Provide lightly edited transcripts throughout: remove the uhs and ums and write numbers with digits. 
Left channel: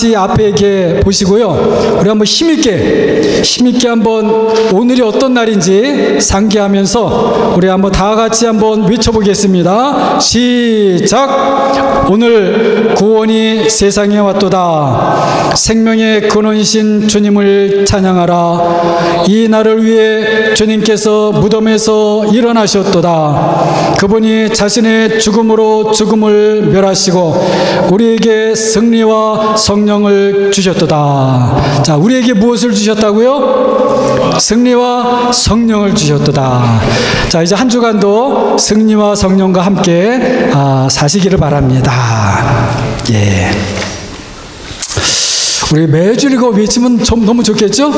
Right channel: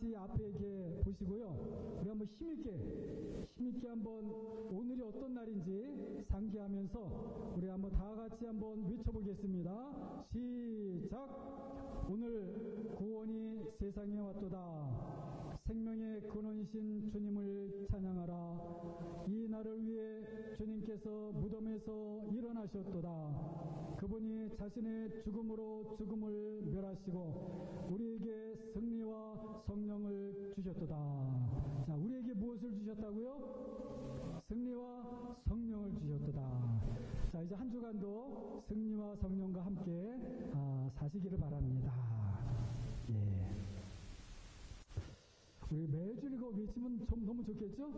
같이 앞에 이렇게 보시고요. 우리 한번 힘있게 한번 오늘이 어떤 날인지 상기하면서 우리 한번 다 같이 한번 외쳐보겠습니다. 시작! 오늘 구원이 세상에 왔도다. 생명의 근원이신 주님을 찬양하라. 이 날을 위해 주님께서 무덤에서 일어나셨도다. 그분이 자신의 죽음으로 죽음을 멸하시고 우리에게 승리와 성령을 주셨도다. 자, 우리에게 무엇을 주셨다고요? 승리와 성령을 주셨도다. 자, 이제 한 주간도 승리와 성령과 함께 사시기를 바랍니다. 예. 우리 매주 이거 외치면 너무 좋겠죠?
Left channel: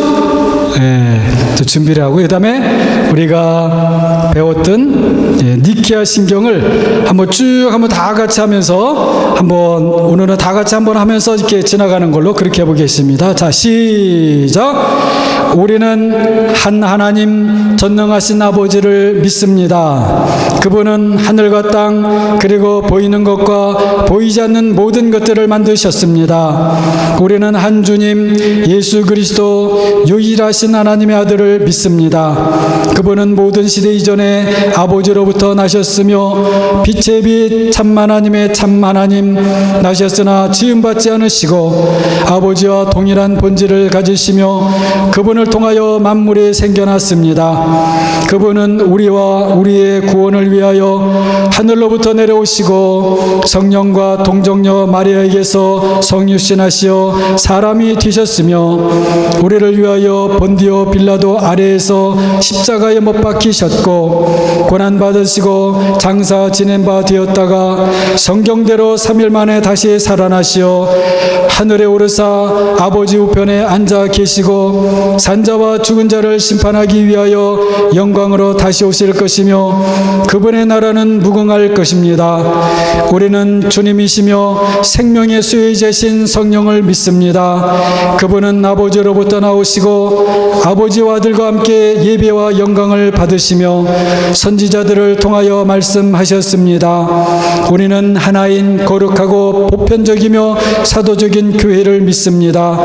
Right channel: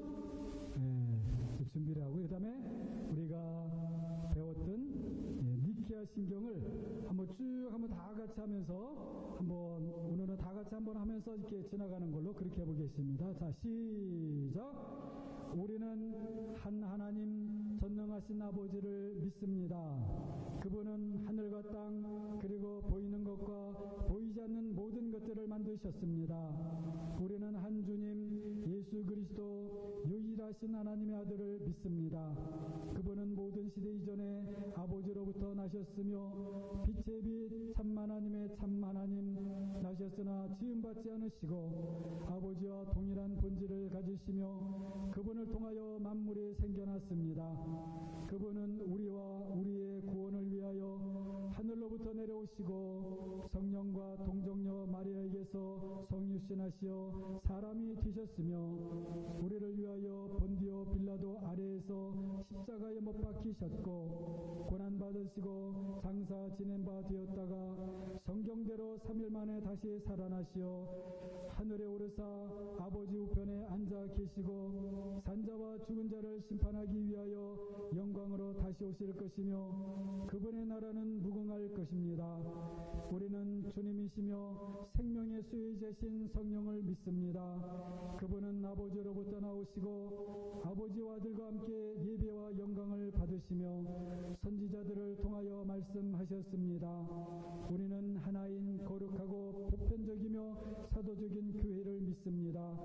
예, 또 준비를 하고, 그 다음에 우리가 배웠던 니케아 신경을 한번 쭉 한번 다 같이 하면서 오늘은 다 같이 한번 하면서 이렇게 지나가는 걸로 그렇게 해보겠습니다. 자, 시작! 우리는 한 하나님 전능하신 아버지를 믿습니다. 그분은 하늘과 땅 그리고 보이는 것과 보이지 않는 모든 것들을 만드셨습니다. 우리는 한 주님 예수 그리스도 유일하신 하나님의 아들을 믿습니다. 그분은 모든 시대 이전에 아버지로부터 나셨으며 빛의 빛 참 하나님의 참 하나님 나셨으나 지음받지 않으시고 아버지와 동일한 본질을 가지시며 그분을 통하여 만물이 생겨났습니다. 그분은 우리와 우리의 구원을 위하여 하늘로부터 내려오시고 성령과 동정녀 마리아에게서 성육신하시어 사람이 되셨으며 우리를 위하여 본디오 빌라도 아래에서 십자가에 못 박히셨고 고난받으시고 장사 지낸 바 되었다가 성경대로 3일 만에 다시 살아나시어 하늘에 오르사 아버지 우편에 앉아 계시고 산자와 죽은 자를 심판하기 위하여 영광으로 다시 오실 것이며 그분의 나라는 무궁할 것입니다. 우리는 주님이시며 생명의 수혜자신 성령을 믿습니다. 그분은 아버지로부터 나오시고 아버지와 아들과 함께 예배와 영광을 받으시며 선지자들을 통하여 말씀하셨습니다. 우리는 하나인 거룩하고 보편적이며 사도적인 교회를 믿습니다.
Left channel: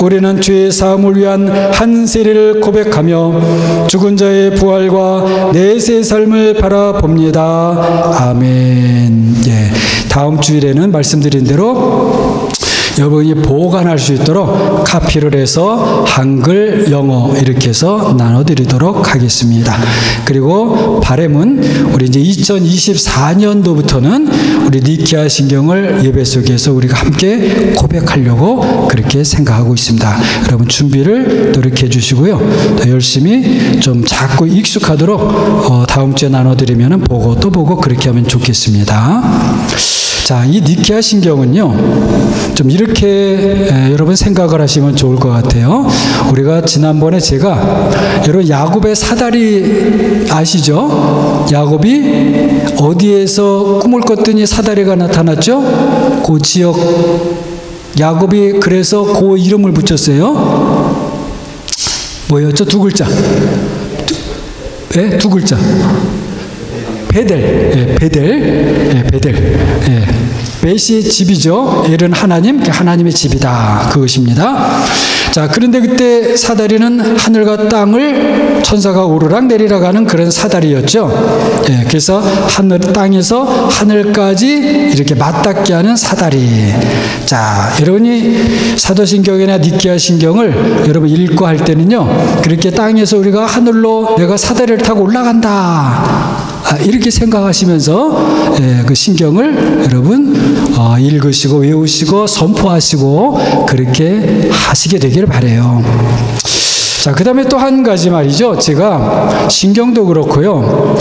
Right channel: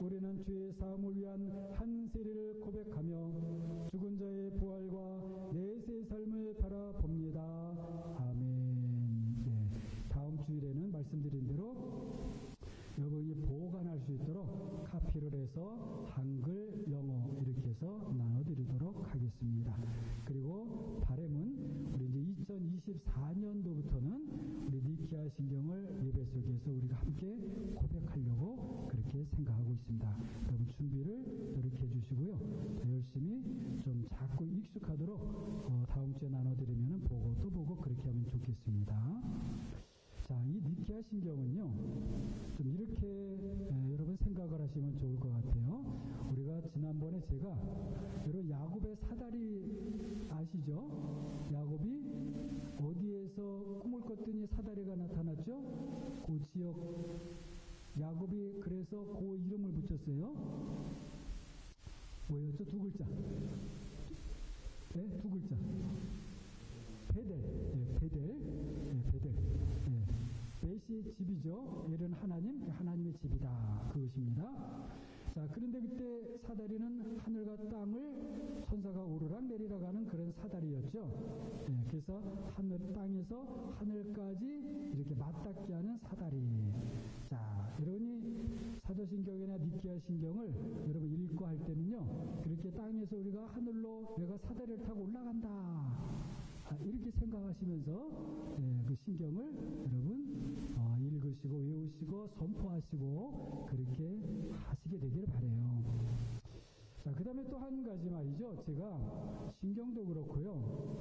우리는 죄의 사함을 위한 한 세례를 고백하며 죽은 자의 부활과 내세의 삶을 바라봅니다. 아멘. 예, 다음 주일에는 말씀드린 대로 여러분이 보관할 수 있도록 카피를 해서 한글, 영어 이렇게 해서 나눠드리도록 하겠습니다. 그리고 바람은 우리 이제 2024년도부터는 우리 니케아 신경을 예배 속에서 우리가 함께 고백하려고 그렇게 생각하고 있습니다. 여러분 준비를 또 이렇게 해주시고요. 더 열심히 좀 자꾸 익숙하도록 다음 주에 나눠드리면 보고 또 보고 그렇게 하면 좋겠습니다. 자, 이 니케아 신경은요, 좀 이렇게 여러분 생각을 하시면 좋을 것 같아요. 우리가 지난번에 제가 여러분 야곱의 사다리 아시죠? 야곱이 어디에서 꿈을 꿨더니 사다리가 나타났죠? 그 지역 야곱이 그래서 그 이름을 붙였어요. 뭐였죠? 두 글자. 두 글자. 베델. 베델. 벳이 집이죠. 엘은 하나님, 하나님의 집이다. 그것입니다. 자, 그런데 그때 사다리는 하늘과 땅을 천사가 오르락 내리락 하는 그런 사다리였죠. 그래서 땅에서 하늘까지 이렇게 맞닿게 하는 사다리. 자, 여러분이 사도신경이나 니케아 신경을 여러분 읽고 할 때는요, 그렇게 땅에서 우리가 하늘로 내가 사다리를 타고 올라간다. 이렇게 생각하시면서 그 신경을 여러분 읽으시고 외우시고 선포하시고 그렇게 하시게 되기를 바라요. 자, 그 다음에 또 한 가지 말이죠. 제가 신경도 그렇고요.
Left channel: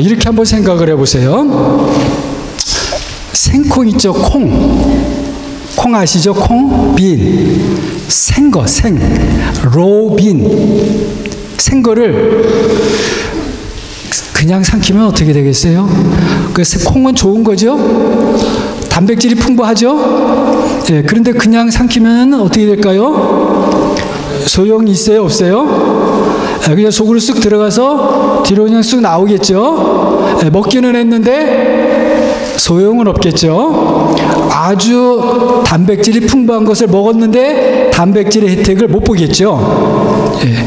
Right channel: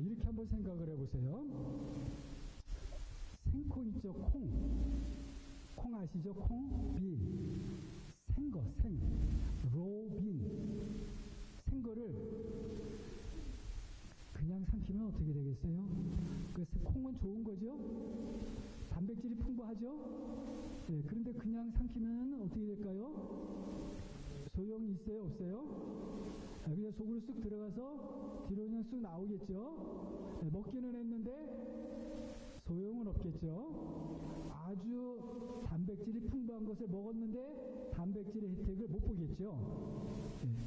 이렇게 한번 생각을 해보세요. 생콩 있죠? 콩 아시죠? 콩, 빈, 생거, 로빈, 생거를 그냥 삼키면 어떻게 되겠어요? 그래서 콩은 좋은 거죠? 단백질이 풍부하죠? 그런데 그냥 삼키면 어떻게 될까요? 소용이 있어요? 없어요? 그냥 속으로 쑥 들어가서 뒤로 그냥 쑥 나오겠죠? 먹기는 했는데 소용은 없겠죠? 아주 단백질이 풍부한 것을 먹었는데 단백질의 혜택을 못 보겠죠. 예.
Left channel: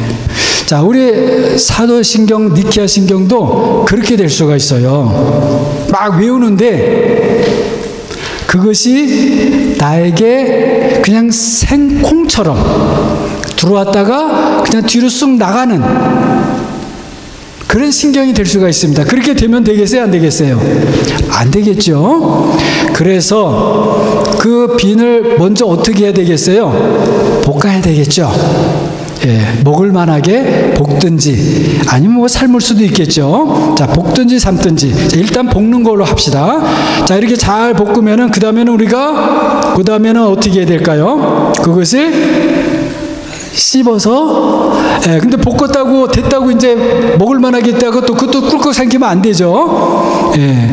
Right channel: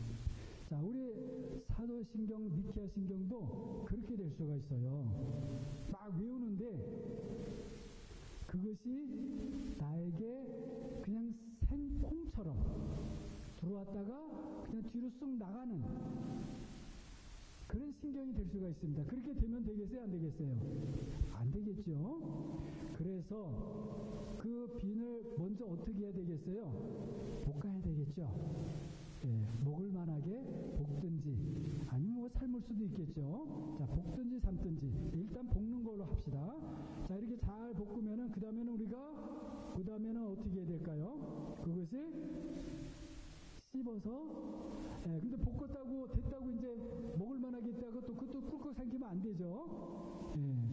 자, 우리 사도신경, 니케아신경도 그렇게 될 수가 있어요. 막 외우는데 그것이 나에게 그냥 생콩처럼 들어왔다가 그냥 뒤로 쑥 나가는 그런 신경이 될 수가 있습니다. 그렇게 되면 되겠어요? 안 되겠어요? 안 되겠죠. 그래서 그 빈을 먼저 어떻게 해야 되겠어요? 볶아야 되겠죠. 예, 먹을 만하게 볶든지 아니면 뭐 삶을 수도 있겠죠. 자, 볶든지 삶든지. 자, 일단 볶는 걸로 합시다. 자, 이렇게 잘 볶으면은 그 다음에는 어떻게 해야 될까요? 그것을 씹어서, 예, 근데 볶았다고 됐다고 이제 먹을 만하게 했다고 또 그것도 꿀꺽 삼키면 안 되죠. 예,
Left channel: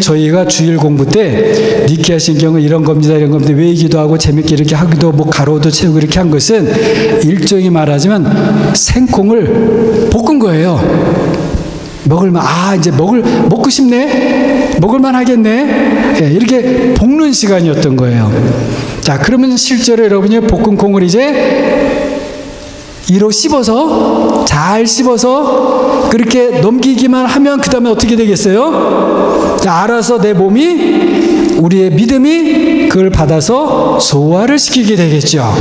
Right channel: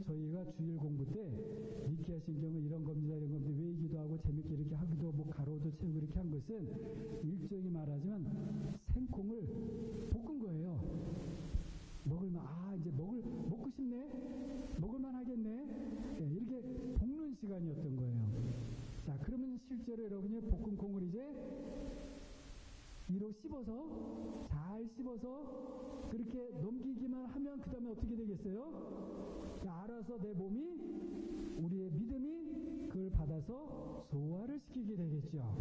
저희가 주일 공부 때 니케아신경은 이런 겁니다, 이런 겁니다. 외기도 하고 재밌게 이렇게 하기도 뭐 가로도 채우고 이렇게 한 것은 일종의 말하자면 생콩을 볶은 거예요. 이제 먹고 싶네? 먹을만 하겠네? 예, 이렇게 볶는 시간이었던 거예요. 자, 그러면 실제로 여러분이 볶은 콩을 이제 이로 씹어서, 잘 씹어서 그렇게 넘기기만 하면 그 다음에 어떻게 되겠어요? 자, 알아서 내 몸이, 우리의 믿음이 그걸 받아서 소화를 시키게 되겠죠.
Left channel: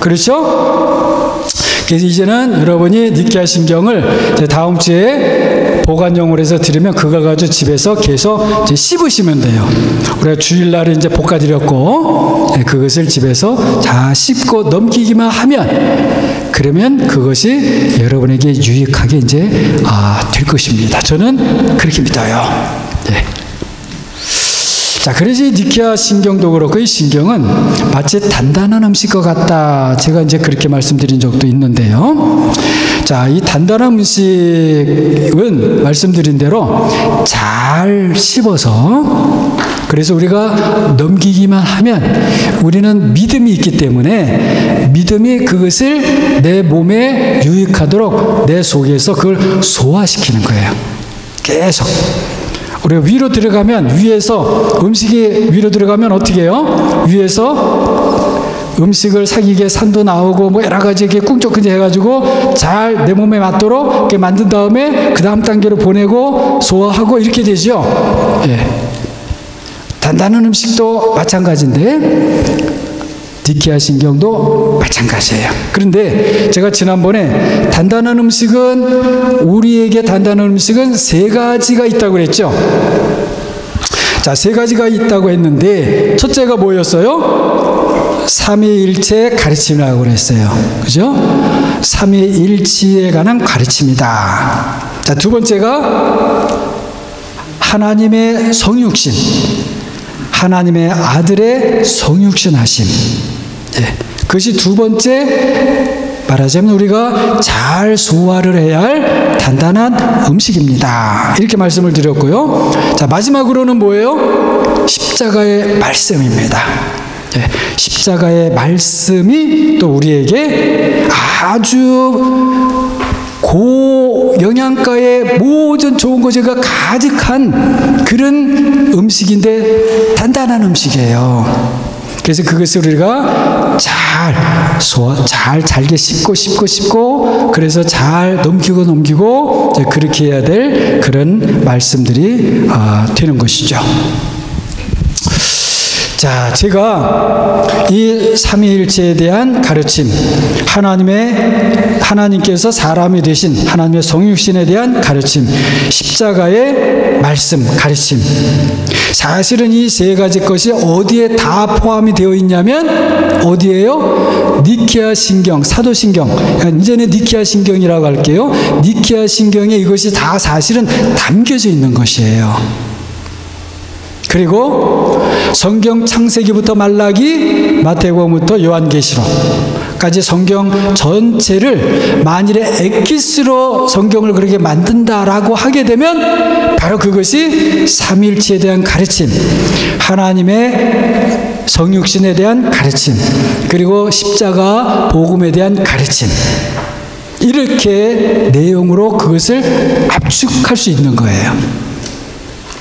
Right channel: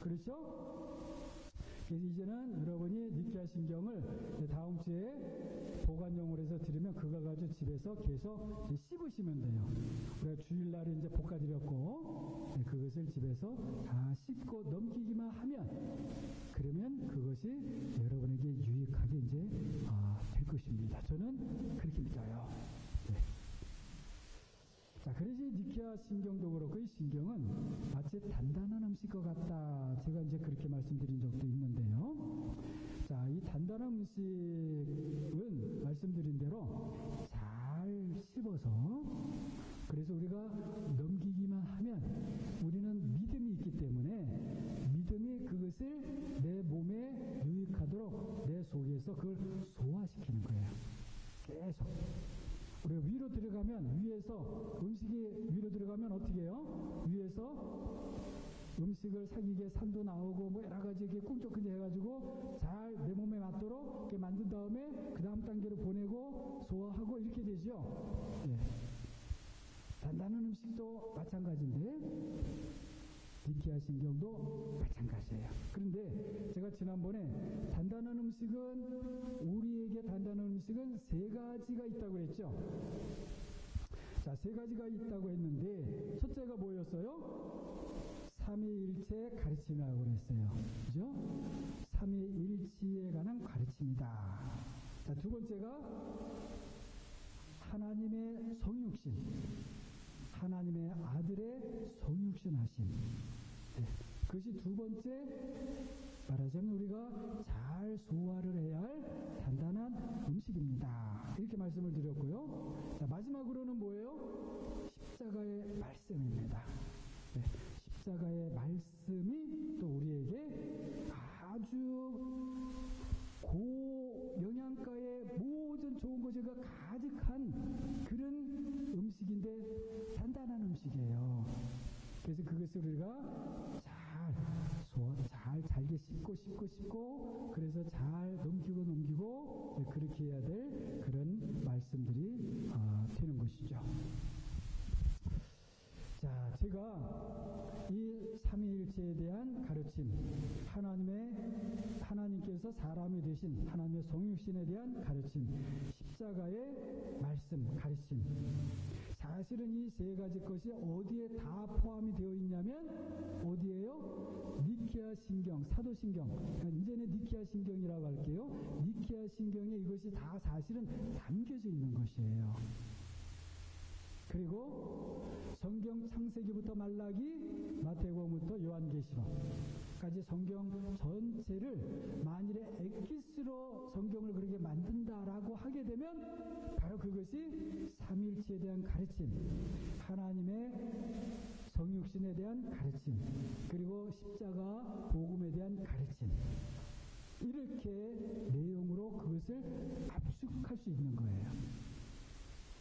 그렇죠? 그래서 이제는 여러분이 니케아신경을 다음 주에 보관용으로 해서 드리면 그걸 가지고 집에서 계속 이제 씹으시면 돼요. 우리가 주일날에 이제 볶아드렸고, 네, 그것을 집에서 다 씹고 넘기기만 하면, 그러면 그것이 여러분에게 유익하게 이제 될 것입니다. 저는 그렇게 믿어요. 네. 자, 그래서 이 니케아신경도 그렇고 이 신경은 마치 단단한 음식과 같다. 제가 이제 그렇게 말씀드린 적도 있는데요. 자, 이 단단한 음식은 말씀드린 대로 잘 씹어서, 그래서 우리가 넘기기만 하면 우리는 믿음이 있기 때문에 믿음이 그것을 내 몸에 유익하도록 내 속에서 그걸 소화시키는 거예요. 계속. 우리가 위로 들어가면, 위에서 음식이 위로 들어가면 어떻게 해요? 위에서 음식을 사기게 산도 나오고 뭐 여러 가지 이렇게 꿍쩍꿍쩍 해가지고 잘 내 몸에 맞도록 이렇게 만든 다음에 그 다음 단계로 보내고 소화하고 이렇게 되죠. 예. 단단한 음식도 마찬가지인데 니케아신경도 마찬가지예요. 그런데 제가 지난번에 우리에게 단단한 음식은 세 가지가 있다고 그랬죠. 자, 세 가지가 있다고 했는데 첫째가 뭐였어요? 삼위일체 가르침이라고 그랬어요. 그죠? 삼위일체에 관한 가르침이다. 자, 두 번째가 하나님의 성육신, 하나님의 아들의 성육신 하심. 예, 그것이 두 번째, 말하자면 우리가 잘 소화를 해야 할 단단한 음식입니다. 이렇게 말씀을 드렸고요. 자, 마지막으로는 뭐예요? 십자가의 말씀입니다. 예, 십자가의 말씀이 또 우리에게 아주 고영양가의 모든 좋은 것이 가득한 그런 음식인데 단단한 음식이에요. 그래서 그것을 우리가 잘게 씹고 그래서 잘 넘기고 그렇게 해야 될 그런 말씀들이 되는 것이죠. 자, 제가 이 삼위일체에 대한 가르침, 하나님께서 사람이 되신 하나님의 성육신에 대한 가르침, 십자가의 말씀, 가르침. 사실은 이 세 가지 것이 어디에 다 포함이 되어 있냐면 어디예요? 니케아신경, 사도신경. 이제는 니케아신경이라고 할게요. 니케아신경에 이것이 다 사실은 담겨져 있는 것이에요. 그리고 성경 창세기부터 말라기, 마태복음부터 요한계시록까지 성경 전체를 만일에 엑기스로 성경을 그렇게 만든다라고 하게 되면 바로 그것이 삼위일체에 대한 가르침, 하나님의 성육신에 대한 가르침, 그리고 십자가 복음에 대한 가르침, 이렇게 내용으로 그것을 압축할 수 있는 거예요.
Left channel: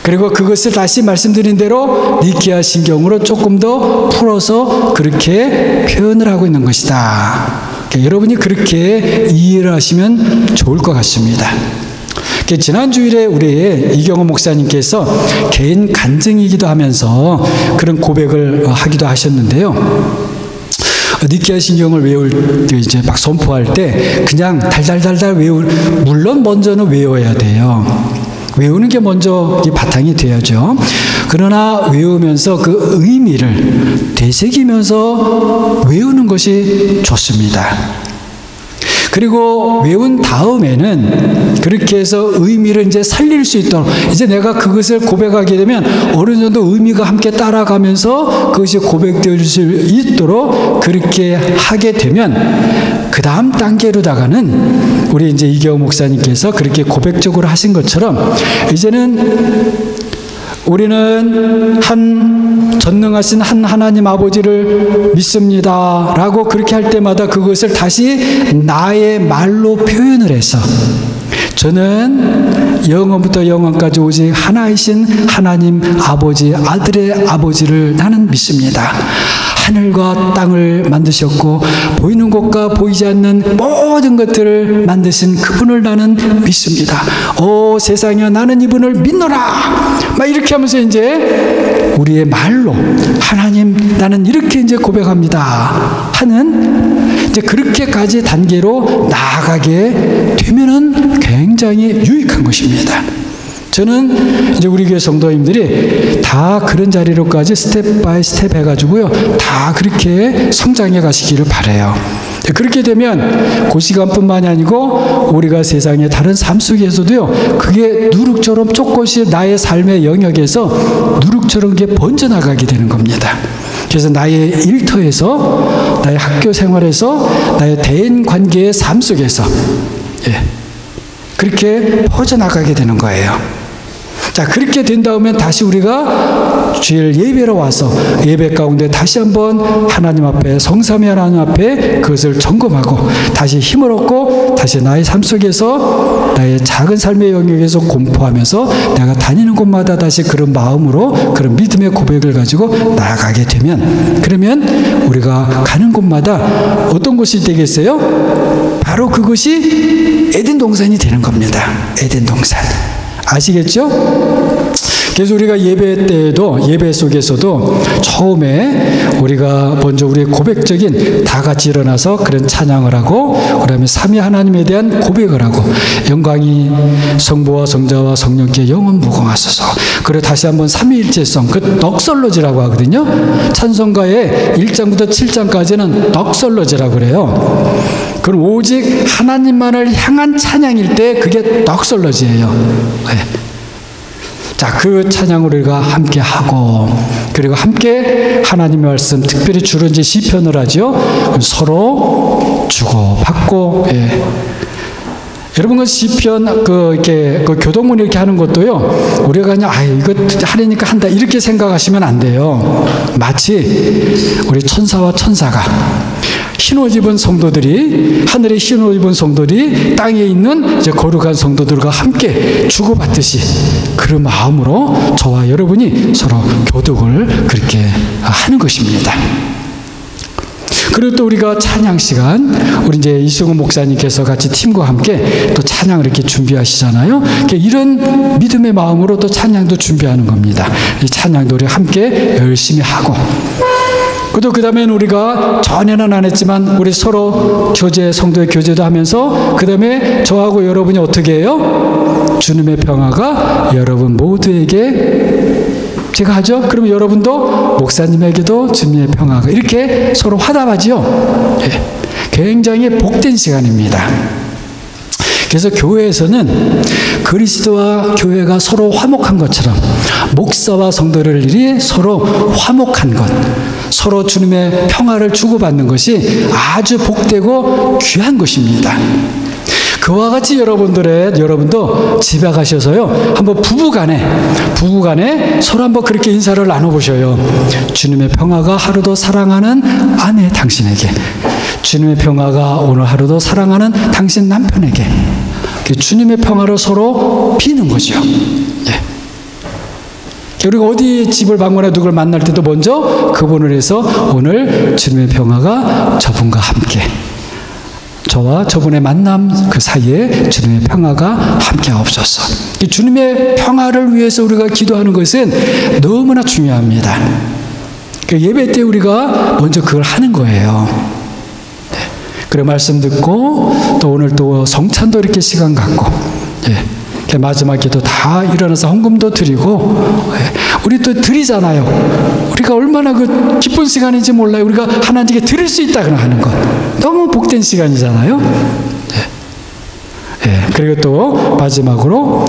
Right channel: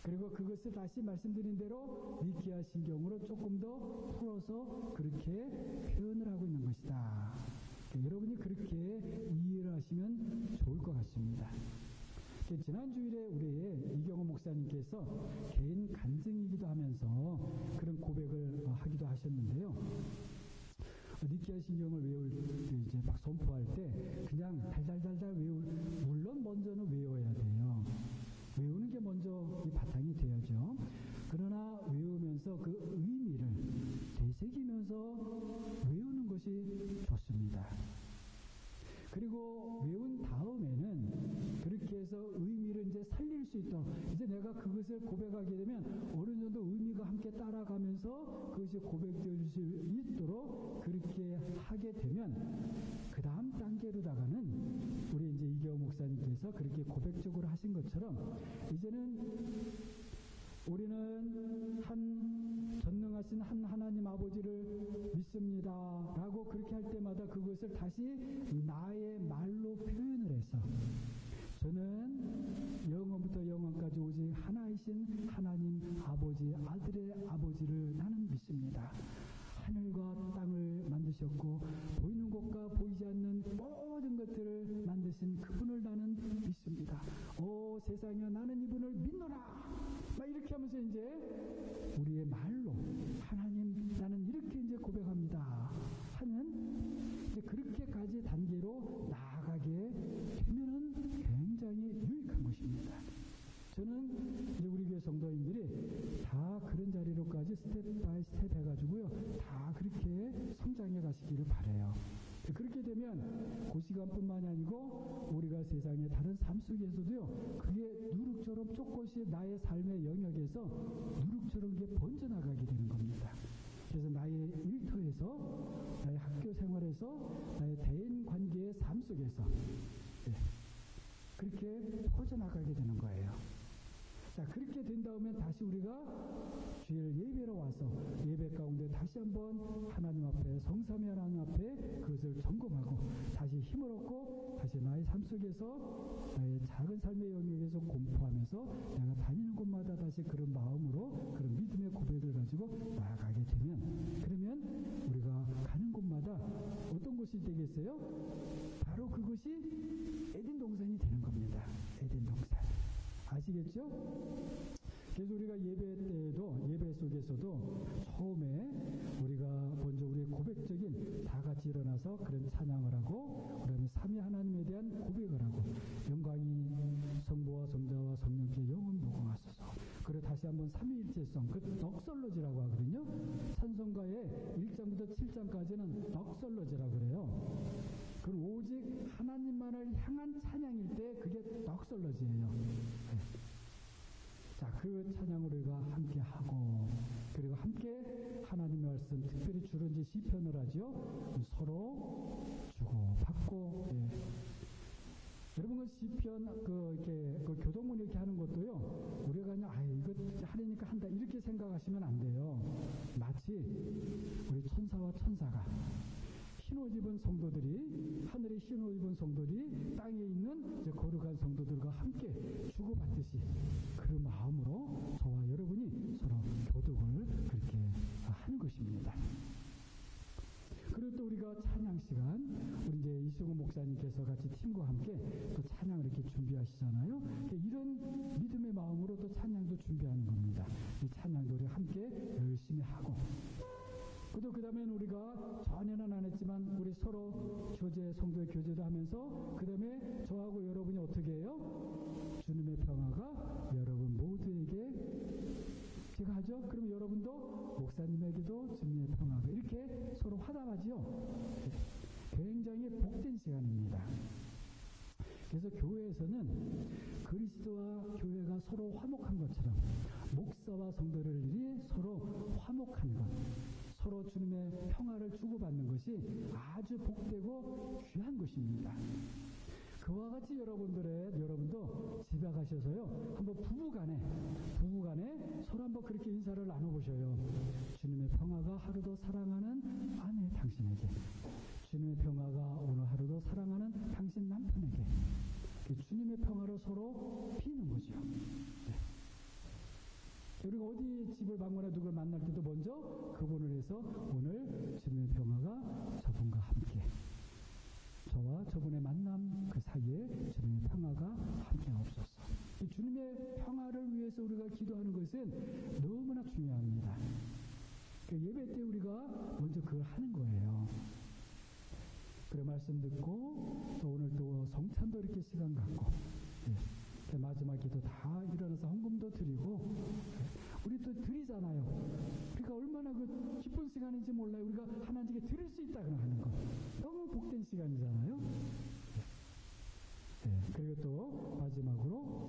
그리고 그것을 다시 말씀드린 대로 니케아 신경으로 조금 더 풀어서 그렇게 표현을 하고 있는 것이다. 그러니까 여러분이 그렇게 이해를 하시면 좋을 것 같습니다. 지난 주일에 우리 이경호 목사님께서 개인 간증이기도 하면서 그런 고백을 하기도 하셨는데요. 니케아 신경을 외울 때 이제 막 선포할 때 그냥 달달달달 물론 먼저는 외워야 돼요. 외우는 게 먼저 바탕이 돼야죠. 그러나 외우면서 그 의미를 되새기면서 외우는 것이 좋습니다. 그리고 외운 다음에는 그렇게 해서 의미를 이제 살릴 수 있도록, 이제 내가 그것을 고백하게 되면 어느 정도 의미가 함께 따라가면서 그것이 고백될 수 있도록 그렇게 하게 되면 그 다음 단계로다가는 우리 이제 이경호 목사님께서 그렇게 고백적으로 하신 것처럼 이제는 우리는 전능하신 한 하나님 아버지를 믿습니다 라고 그렇게 할 때마다 그것을 다시 나의 말로 표현을 해서 저는 영원부터 영원까지 오직 하나이신 하나님 아버지, 아들의 아버지를 나는 믿습니다. 하늘과 땅을 만드셨고 보이는 것과 보이지 않는 모든 것들을 만드신 그분을 나는 믿습니다. 오 세상에 나는 이분을 믿노라. 막 이렇게 하면서 이제 우리의 말로 하나님 나는 이렇게 이제 고백합니다 하는 이제 그렇게까지 단계로 나아가게 되면은 굉장히 유익한 것입니다. 저는 이제 우리 교회 성도님들이 다 그런 자리로까지 스텝 바이 스텝 해가지고요, 다 그렇게 성장해 가시기를 바라요. 그렇게 되면 그 시간뿐만이 아니고 우리가 세상의 다른 삶 속에서도요, 그게 누룩처럼 조금씩 나의 삶의 영역에서 누룩처럼 그게 번져나가게 되는 겁니다. 그래서 나의 일터에서, 나의 학교 생활에서, 나의 대인 관계의 삶 속에서 그렇게 퍼져나가게 되는 거예요. 자, 그렇게 된 다음에 다시 우리가 주일 예배로 와서 예배 가운데 다시 한번 하나님 앞에, 성삼위 하나님 앞에 그것을 점검하고 다시 힘을 얻고 다시 나의 삶 속에서 나의 작은 삶의 영역에서 공포하면서 내가 다니는 곳마다 다시 그런 마음으로 그런 믿음의 고백을 가지고 나아가게 되면, 그러면 우리가 가는 곳마다 어떤 곳이 되겠어요? 바로 그것이 에덴 동산이 되는 겁니다. 에덴 동산. 아시겠죠? 그래서 우리가 예배 때에도, 예배 속에서도 처음에 우리가 먼저 우리의 고백적인 다 같이 일어나서 그런 찬양을 하고, 그 다음에 삼위 하나님에 대한 고백을 하고, 영광이 성부와 성자와 성령께 영원 무궁하소서. 그리고 다시 한번 삼위일체성, 그 넋설러지라고 하거든요. 찬송가의 1장부터 7장까지는 넋설러지라고 그래요. 그럼 오직 하나님만을 향한 찬양일 때 그게 넋설러지예요. 네. 자, 그 찬양을 우리가 함께 하고, 그리고 함께 하나님의 말씀, 특별히 주로 이제 시편을 하죠. 서로 주고받고, 여러분, 그 시편, 이렇게, 교동문 이렇게 하는 것도요, 우리가 그냥, 이거 하려니까 한다, 이렇게 생각하시면 안 돼요. 마치 우리 천사와 천사가, 흰옷 입은 성도들이, 하늘에 흰옷 입은 성도들이 땅에 있는 이제 거룩한 성도들과 함께 주고받듯이 그런 마음으로 저와 여러분이 서로 교독을 그렇게 하는 것입니다. 그리고 또 우리가 찬양 시간, 우리 이제 이승훈 목사님께서 같이 팀과 함께 또 찬양을 이렇게 준비하시잖아요. 이런 믿음의 마음으로 또 찬양도 준비하는 겁니다. 이 찬양도 우리 함께 열심히 하고, 그 다음에는 우리가 전에는 안 했지만 우리 서로 교제, 성도의 교제도 하면서 그 다음에 저하고 여러분이 어떻게 해요? 주님의 평화가 여러분 모두에게 제가 하죠? 그러면 여러분도 목사님에게도 주님의 평화가 이렇게 서로 화답하죠? 굉장히 복된 시간입니다. 그래서 교회에서는 그리스도와 교회가 서로 화목한 것처럼 목사와 성도들이 서로 화목한 것, 서로 주님의 평화를 주고받는 것이 아주 복되고 귀한 것입니다. 그와 같이 여러분도 집에 가셔서요, 한번 부부간에 서로 한번 그렇게 인사를 나눠보셔요. 주님의 평화가 하루도 사랑하는 아내 당신에게, 주님의 평화가 오늘 하루도 사랑하는 당신 남편에게, 주님의 평화를 서로 비는 거죠. 우리가 어디 집을 방문해 누굴 만날 때도 먼저 그분을 해서 오늘 주님의 평화가 저분과 함께, 저와 저분의 만남 그 사이에 주님의 평화가 함께 없어서, 주님의 평화를 위해서 우리가 기도하는 것은 너무나 중요합니다. 예배 때 우리가 먼저 그걸 하는 거예요. 그래 말씀 듣고 또 오늘 또 성찬도 이렇게 시간 갖고 마지막에도 다 일어나서 헌금도 드리고 우리 또 드리잖아요. 우리가 얼마나 그 기쁜 시간인지 몰라요. 우리가 하나님께 드릴 수 있다 하는 것 너무 복된 시간이잖아요. 그리고 또 마지막으로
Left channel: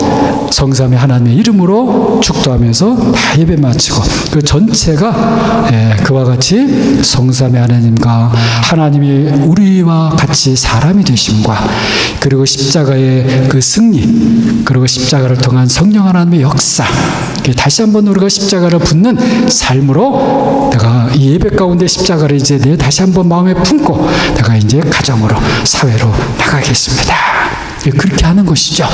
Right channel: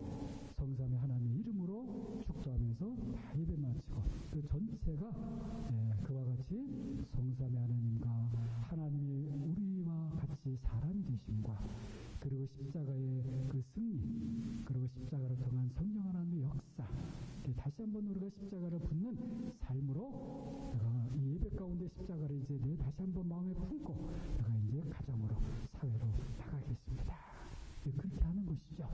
성삼위 하나님의 이름으로 축도하면서 다 예배 마치고 그 전체가 그와 같이 성삼위 하나님과 하나님이 우리와 같이 사람이 되심과 그리고 십자가의 그 승리 그리고 십자가를 통한 성령 하나님의 역사 다시 한번 우리가 십자가를 붙는 삶으로 내가 이 예배 가운데 십자가를 이제 내 다시 한번 마음에 품고 내가 이제 가정으로 사회로 나가겠습니다. 그렇게 하는 것이죠.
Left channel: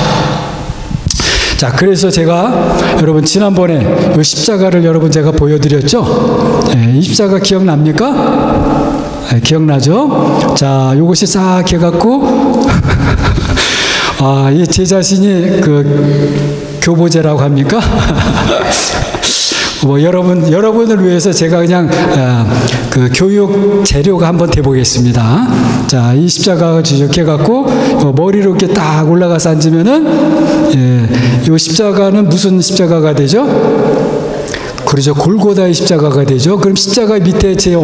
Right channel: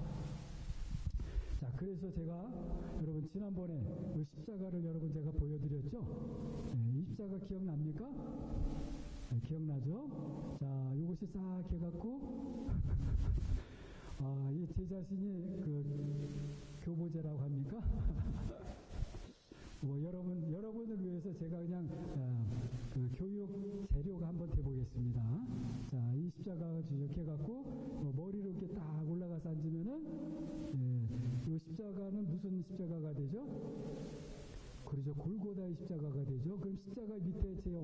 자, 그래서 제가 여러분 지난번에 이 십자가를 여러분 제가 보여드렸죠. 이 십자가 기억납니까? 기억나죠? 자, 요것이 싹 해갖고 제 자신이 그 교보제라고 합니까? 뭐 여러분을 위해서 제가 그냥 그 교육 재료가 한번 돼보겠습니다. 자, 이 십자가가 지적해갖고 머리로 이렇게 딱 올라가서 앉으면은 이 십자가는 무슨 십자가가 되죠? 그렇죠. 골고다의 십자가가 되죠. 그럼 십자가 밑에 제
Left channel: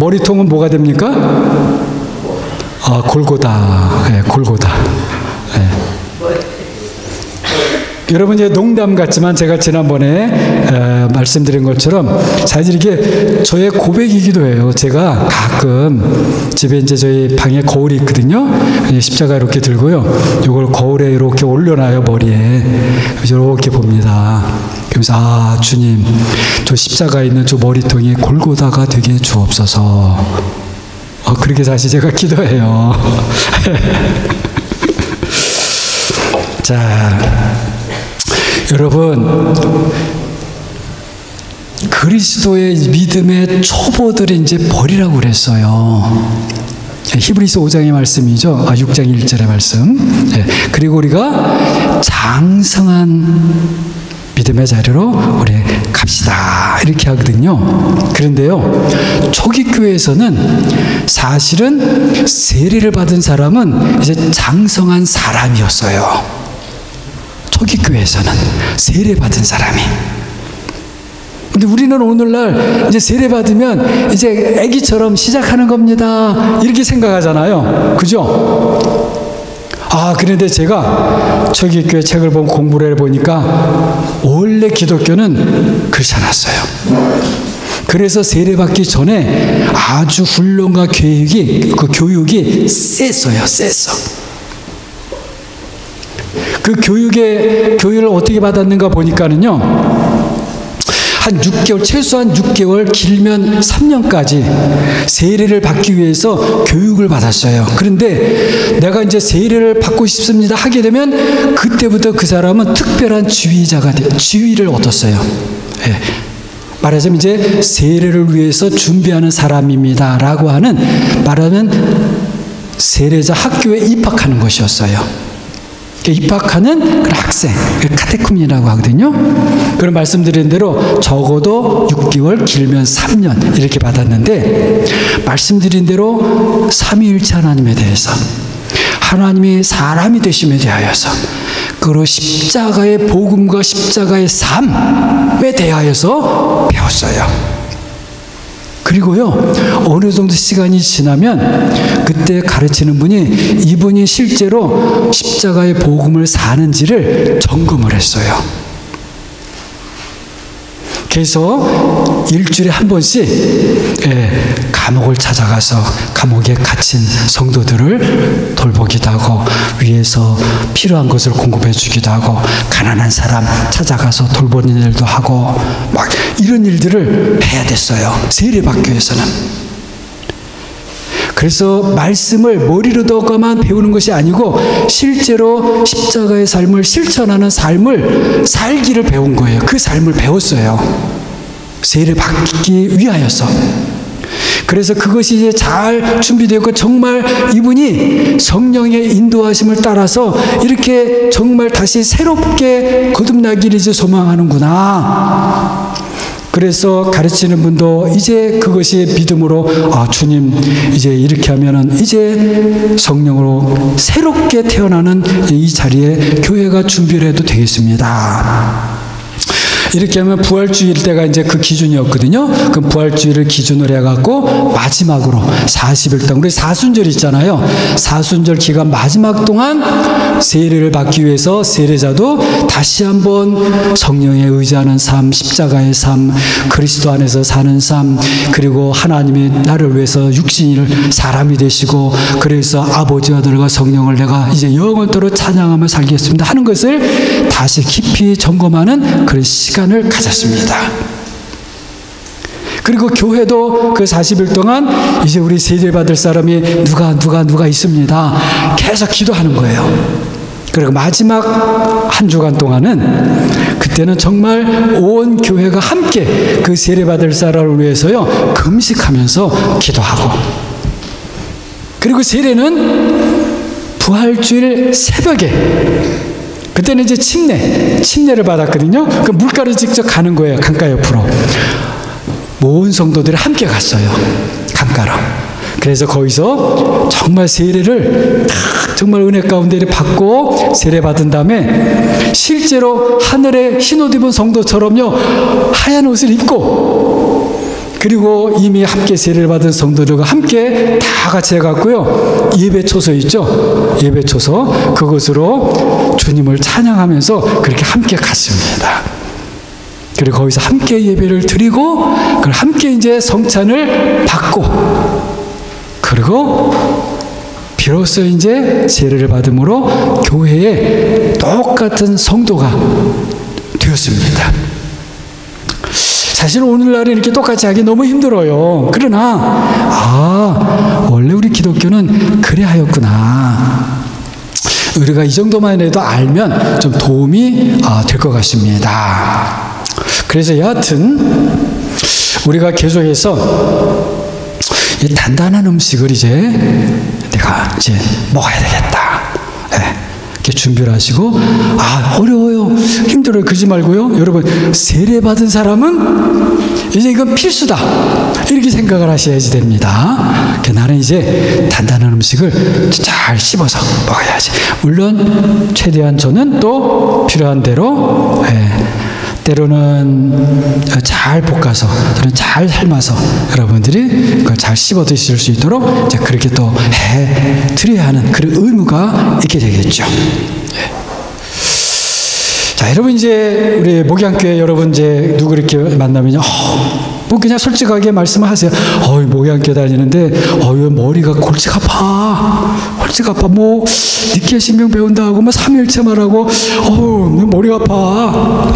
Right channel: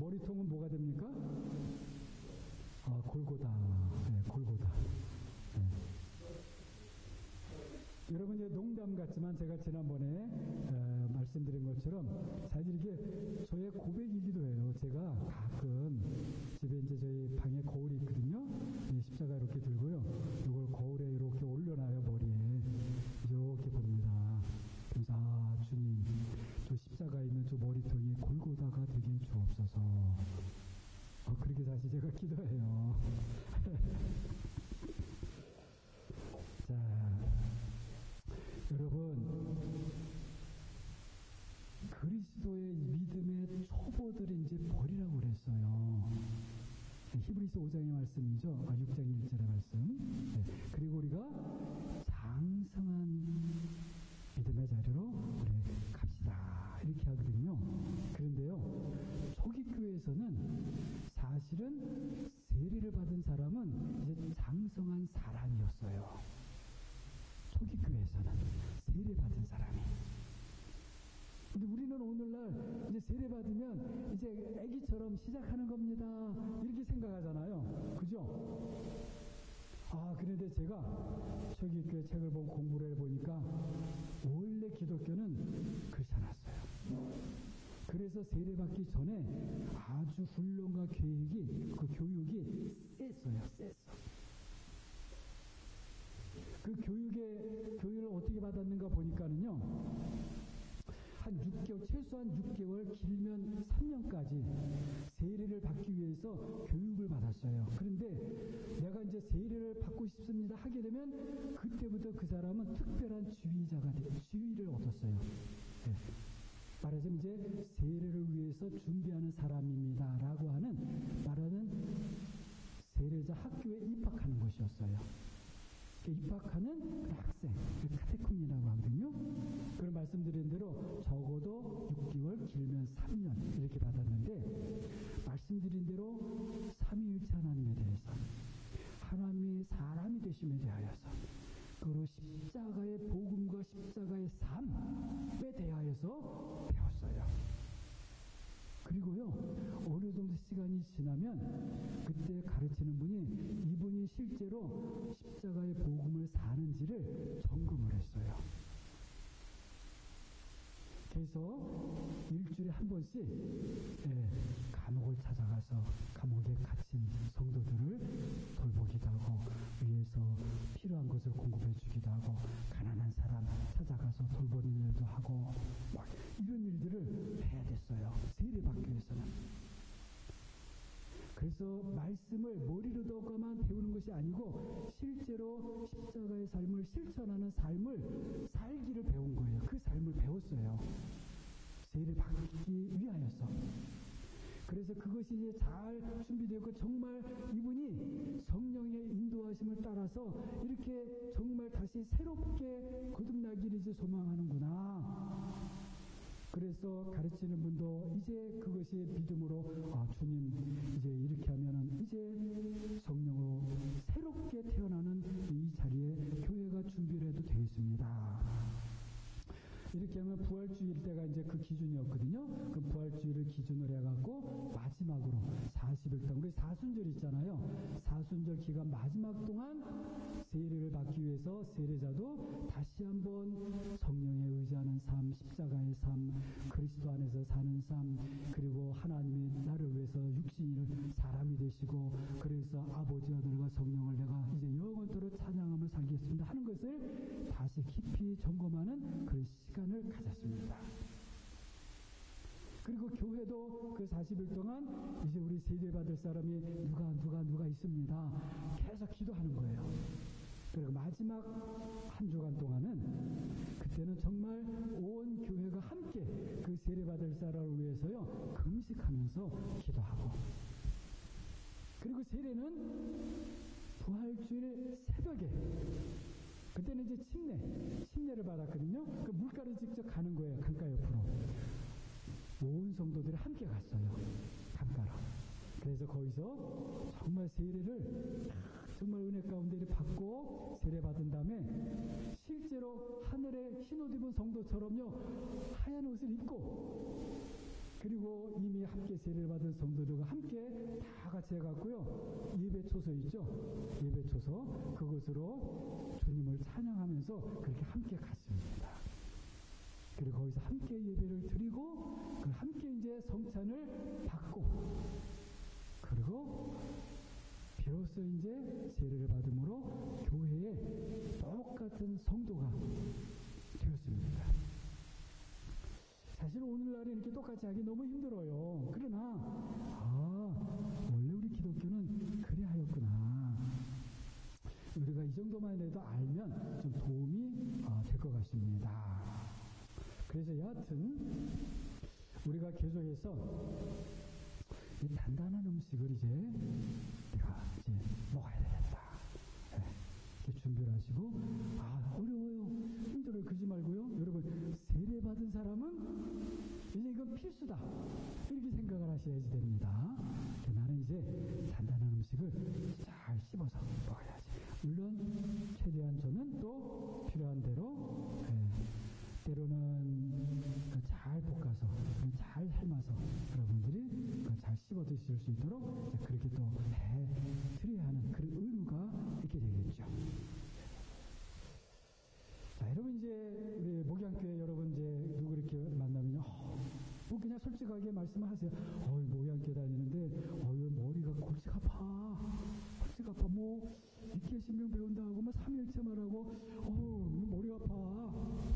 머리통은 뭐가 됩니까? 골고다. 골고다. 여러분 이제 농담 같지만 제가 지난번에 말씀드린 것처럼 사실 이게 저의 고백이기도 해요. 제가 가끔 집에 이제 저희 방에 거울이 있거든요. 십자가 이렇게 들고요. 이걸 거울에 이렇게 올려놔요, 머리에. 그래서 이렇게 봅니다. 그러면서 주님, 저 십자가 있는 저 머리통이 골고다가 되게 주옵소서. 그렇게 사실 제가 기도해요. 자. 여러분, 그리스도의 믿음의 초보들을 이제 버리라고 그랬어요. 히브리서 5장의 말씀이죠. 6장 1절의 말씀. 그리고 우리가 장성한 믿음의 자리로 우리 갑시다. 이렇게 하거든요. 그런데요, 초기 교회에서는 사실은 세례를 받은 사람은 이제 장성한 사람이었어요. 초기 교회에서는 세례 받은 사람이. 근데 우리는 오늘날 이제 세례 받으면 이제 아기처럼 시작하는 겁니다. 이렇게 생각하잖아요. 그죠? 그런데 제가 초기 교회 책을 보고 공부를 해보니까 원래 기독교는 그렇지 않았어요. 그래서 세례 받기 전에 아주 훈련과 교육이 셌어요. 셌어. 그 교육을 어떻게 받았는가 보니까는요, 한 6개월, 최소한 6개월, 길면 3년까지 세례를 받기 위해서 교육을 받았어요. 그런데 내가 이제 세례를 받고 싶습니다 하게 되면 그때부터 그 사람은 특별한 지위를 얻었어요. 말하자면 이제 세례를 위해서 준비하는 사람입니다 라고 하는, 말하면 세례자 학교에 입학하는 것이었어요. 입학하는 그 학생, 카테쿰이라고 하거든요. 그런 말씀드린 대로 적어도 6개월, 길면 3년 이렇게 받았는데, 말씀드린 대로 삼위일체 하나님에 대해서, 하나님이 사람이 되심에 대하여서, 그리고 십자가의 복음과 십자가의 삶에 대하여서 배웠어요. 그리고요, 어느 정도 시간이 지나면 그때 가르치는 분이 이분이 실제로 십자가의 복음을 사는지를 점검을 했어요. 그래서 일주일에 한 번씩 감옥을 찾아가서 감옥에 갇힌 성도들을 돌보기도 하고, 위에서 필요한 것을 공급해 주기도 하고, 가난한 사람 찾아가서 돌보는 일도 하고, 막 이런 일들을 해야 됐어요. 세례받기 위해서는. 그래서 말씀을 머리로만 배우는 것이 아니고 실제로 십자가의 삶을 실천하는 삶을 살기를 배운 거예요. 그 삶을 배웠어요. 세례를 받기 위하여서. 그래서 그것이 이제 잘 준비되고 정말 이분이 성령의 인도하심을 따라서 이렇게 정말 다시 새롭게 거듭나기를 이제 소망하는구나. 그래서 가르치는 분도 이제 그것이 믿음으로 주님 이제 이렇게 하면은 이제 성령으로 새롭게 태어나는 이 자리에 교회가 준비를 해도 되겠습니다. 이렇게 하면 부활주일 때가 이제 그 기준이었거든요. 그럼 부활주일을 기준으로 해갖고 마지막으로 40일 동안 우리 사순절 있잖아요. 사순절 기간 마지막 동안 세례를 받기 위해서 세례자도 다시 한번 성령에 의지하는 삶, 십자가의 삶, 그리스도 안에서 사는 삶, 그리고 하나님이 나를 위해서 육신을 사람이 되시고 그래서 아버지와 아들과 성령을 내가 이제 영원토록 찬양하며 살겠습니다 하는 것을 다시 깊이 점검하는 그런 시간을 가졌습니다. 그리고 교회도 그 40일 동안 이제 우리 세례 받을 사람이 누가 있습니다. 계속 기도하는 거예요. 그리고 마지막 한 주간 동안은 그때는 정말 온 교회가 함께 그 세례 받을 사람을 위해서요 금식하면서 기도하고, 그리고 세례는 부활주일 새벽에 그때는 이제 침례를 받았거든요. 그 물가를 직접 가는 거예요. 강가 옆으로. 모든 성도들이 함께 갔어요. 강가로. 그래서 거기서 정말 세례를 정말 은혜 가운데 받고 세례 받은 다음에 실제로 하늘에 흰옷 입은 성도처럼요 하얀 옷을 입고, 그리고 이미 함께 세례를 받은 성도들과 함께 다 같이 해갖고요 예배초소 있죠, 예배초소 그곳으로 주님을 찬양하면서 그렇게 함께 갔습니다. 그리고 거기서 함께 예배를 드리고 그걸 함께 이제 성찬을 받고, 그리고 비로소 이제 세례를 받음으로 교회에 똑같은 성도가 되었습니다. 사실 오늘날에 이렇게 똑같이 하기 너무 힘들어요. 그러나 원래 우리 기독교는 그래 하였구나. 우리가 이 정도만 해도 알면 좀 도움이 될 것 같습니다. 그래서 여하튼 우리가 계속해서 이 단단한 음식을 이제 내가 이제 먹어야 되겠다. 이렇게 준비를 하시고, 어려워요, 힘들어요, 그러지 말고요. 여러분, 세례 받은 사람은 이제 이건 필수다. 이렇게 생각을 하셔야지 됩니다. 나는 이제 단단한 음식을 잘 씹어서 먹어야지. 물론 최대한 저는 또 필요한 대로 때로는 잘 볶아서, 또는 잘 삶아서 여러분들이 그걸 잘 씹어 드실 수 있도록 이제 그렇게 또 해 드려야 하는 그런 의무가 있게 되겠죠. 자, 여러분 이제 우리 목양교회 여러분 이제 누구 이렇게 만나면요, 뭐 그냥 솔직하게 말씀하세요. 목양교회 다니는데 머리가 골치가 아파. 뭐 니케 신명 배운다고 뭐 삼일체만 하고 머리가 아파.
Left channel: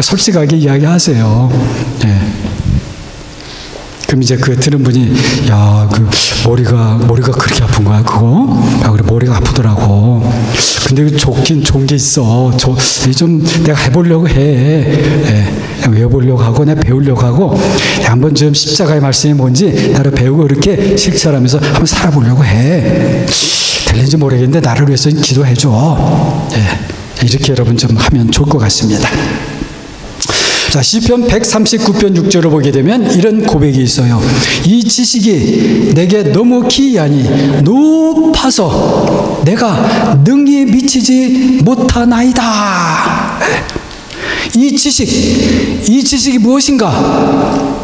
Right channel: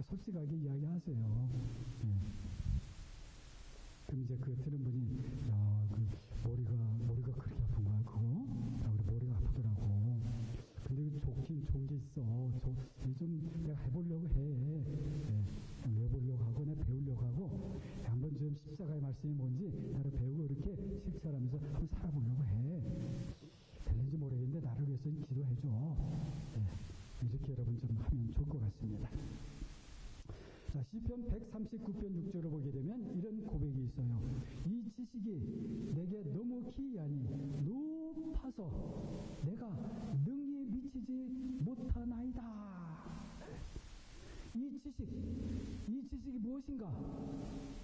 솔직하게 이야기하세요. 그럼 이제 그 들은 분이 그 머리가 그렇게 아픈 거야 그거? 그래 머리가 아프더라고. 근데 좋긴 좋은 게 있어. 좀 내가 해보려고 해. 외워보려고 하고 내가 배우려고 하고 한번 좀 십자가의 말씀이 뭔지 나를 배우고 이렇게 실천하면서 한번 살아보려고 해. 될는지 모르겠는데 나를 위해서 기도해줘. 이렇게 여러분 좀 하면 좋을 것 같습니다. 자, 시편 139편 6절을 보게 되면 이런 고백이 있어요. 이 지식이 내게 너무 기이하니 높아서 내가 능히 미치지 못하나이다. 이 지식이 무엇인가?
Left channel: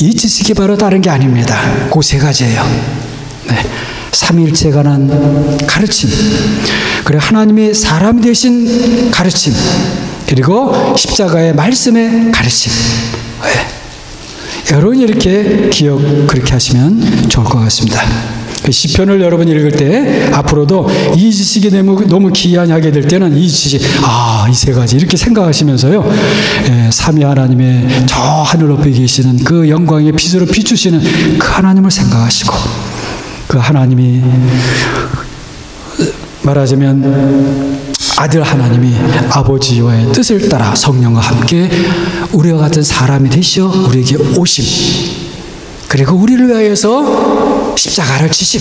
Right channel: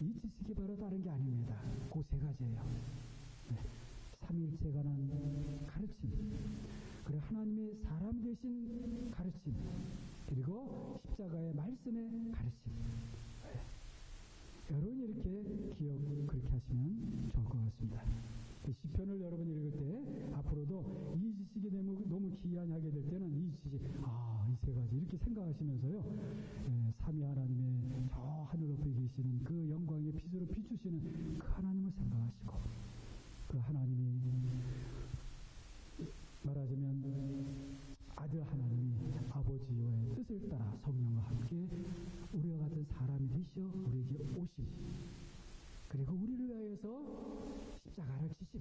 이 지식이 바로 다른 게 아닙니다. 그 세 가지예요. 삼위일체에 관한 가르침, 그리고 하나님이 사람 되신 가르침, 그리고 십자가의 말씀의 가르침. 여러분이 이렇게 기억 그렇게 하시면 좋을 것 같습니다. 시편을 여러분이 읽을 때 앞으로도 이 지식이 너무 기이하게 될 때는 이 지식, 이 세 가지 이렇게 생각하시면서요, 삼위 하나님의 저 하늘 높이 계시는 그 영광의 빛으로 비추시는 그 하나님을 생각하시고, 그 하나님이 말하자면 아들 하나님이 아버지의 뜻을 따라 성령과 함께 우리와 같은 사람이 되시어 우리에게 오심, 그리고 우리를 위하여서 십자가를 지심.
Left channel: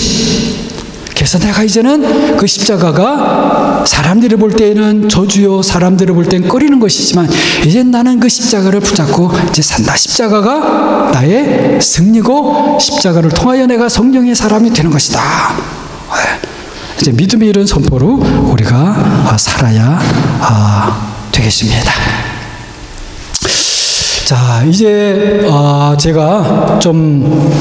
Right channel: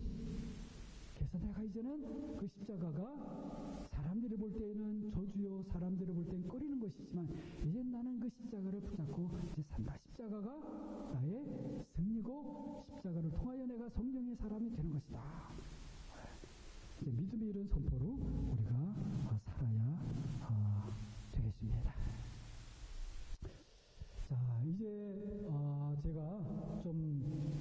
그래서 내가 이제는 그 십자가가 사람들이 볼 때에는 저주요, 사람들이 볼 때는 꺼리는 것이지만 이제 나는 그 십자가를 붙잡고 이제 산다. 십자가가 나의 승리고 십자가를 통하여 내가 성령의 사람이 되는 것이다. 이제 믿음의 이런 선포로 우리가 살아야 되겠습니다. 자, 이제 제가 좀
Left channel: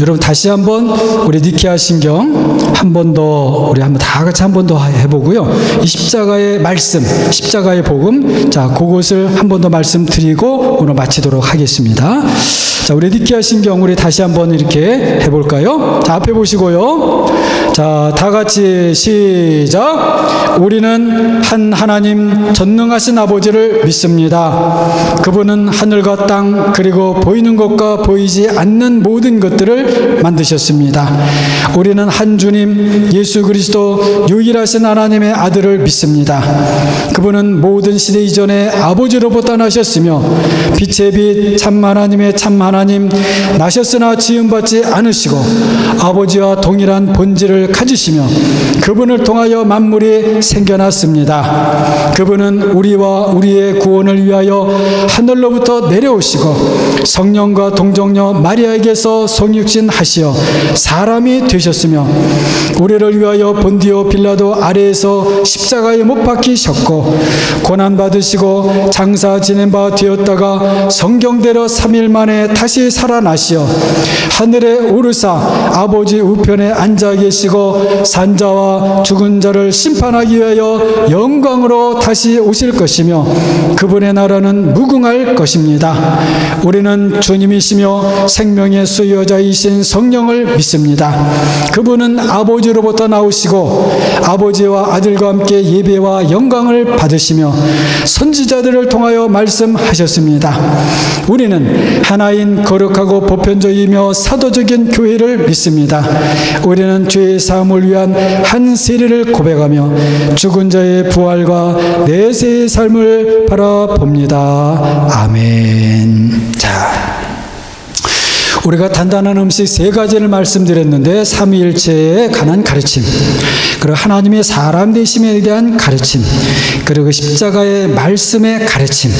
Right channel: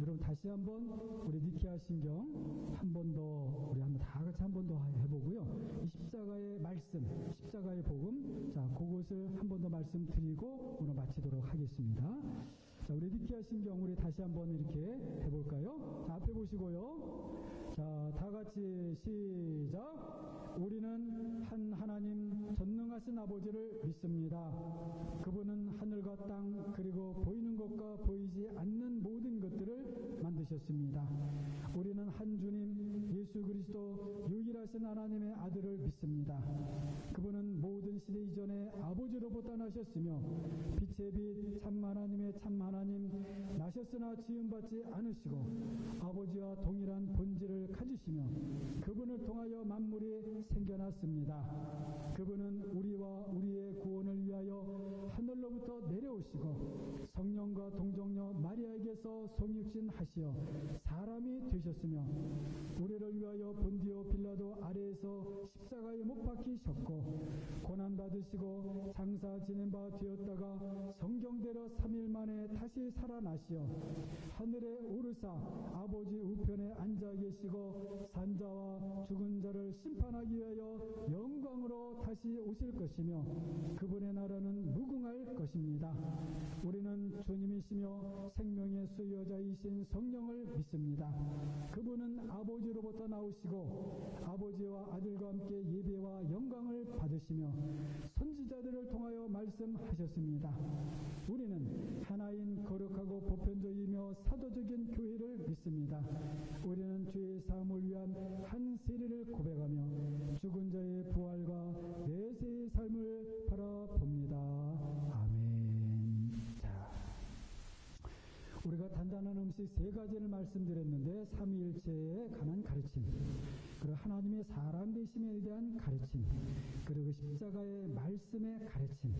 여러분 다시 한번 우리 니케아 신경 한 번 더 우리 한번 다 같이 한 번 더 해보고요. 이 십자가의 말씀, 십자가의 복음, 자 그것을 한 번 더 말씀드리고 오늘 마치도록 하겠습니다. 자, 우리 니케아 신경 우리 다시 한번 이렇게 해볼까요? 자, 앞에 보시고요. 자, 다 같이 시작. 우리는 한 하나님 전능하신 아버지를 믿습니다. 그분은 하늘과 땅 그리고 보이는 것과 보이지 않는 모든 것들을 만드셨습니다. 우리는 한 주님 예수 그리스도 유일하신 하나님의 아들을 믿습니다. 그분은 모든 시대 이전에 아버지로부터 나셨으며 빛의 빛 참 하나님의 참 하나님, 나셨으나 지음받지 않으시고 아버지와 동일한 본질을 가지시며 그분을 통하여 만물이 생겨났습니다. 그분은 우리와 우리의 구원을 위하여 하늘로부터 내려오시고 성령과 동정녀 마리아에게서 성육신하시어 사람이 되셨으며 우리를 위하여 본디오 빌라도 아래에서 십자가에 못 박히셨고 고난받으시고 장사 지낸 바 되었다가 성경대로 3일 만에 다시 살아나시어 하늘에 오르사 아버지 우편에 앉아 계시고 산자와 죽은 자를 심판하기 위하여 영광으로 다시 오실 것이며 그분의 나라는 무궁할 것입니다. 우리는 주님이시며 생명의 수여자이신 성령을 믿습니다. 그분은 아버지로부터 나오시고 아버지와 아들과 함께 예배와 영광을 받으시며 선지자들을 통하여 말씀하셨습니다. 우리는 하나인 거룩하고 보편적이며 사도적인 교회를 믿습니다. 우리는 죄의 사함을 위한 한 세례를 고백하며 죽은 자의 부활과 내세의 삶을 바라봅니다. 아멘. 자, 우리가 단단한 음식 세 가지를 말씀드렸는데 삼위일체에 관한 가르침, 그리고 하나님의 사람 되심에 대한 가르침, 그리고 십자가의 말씀의 가르침.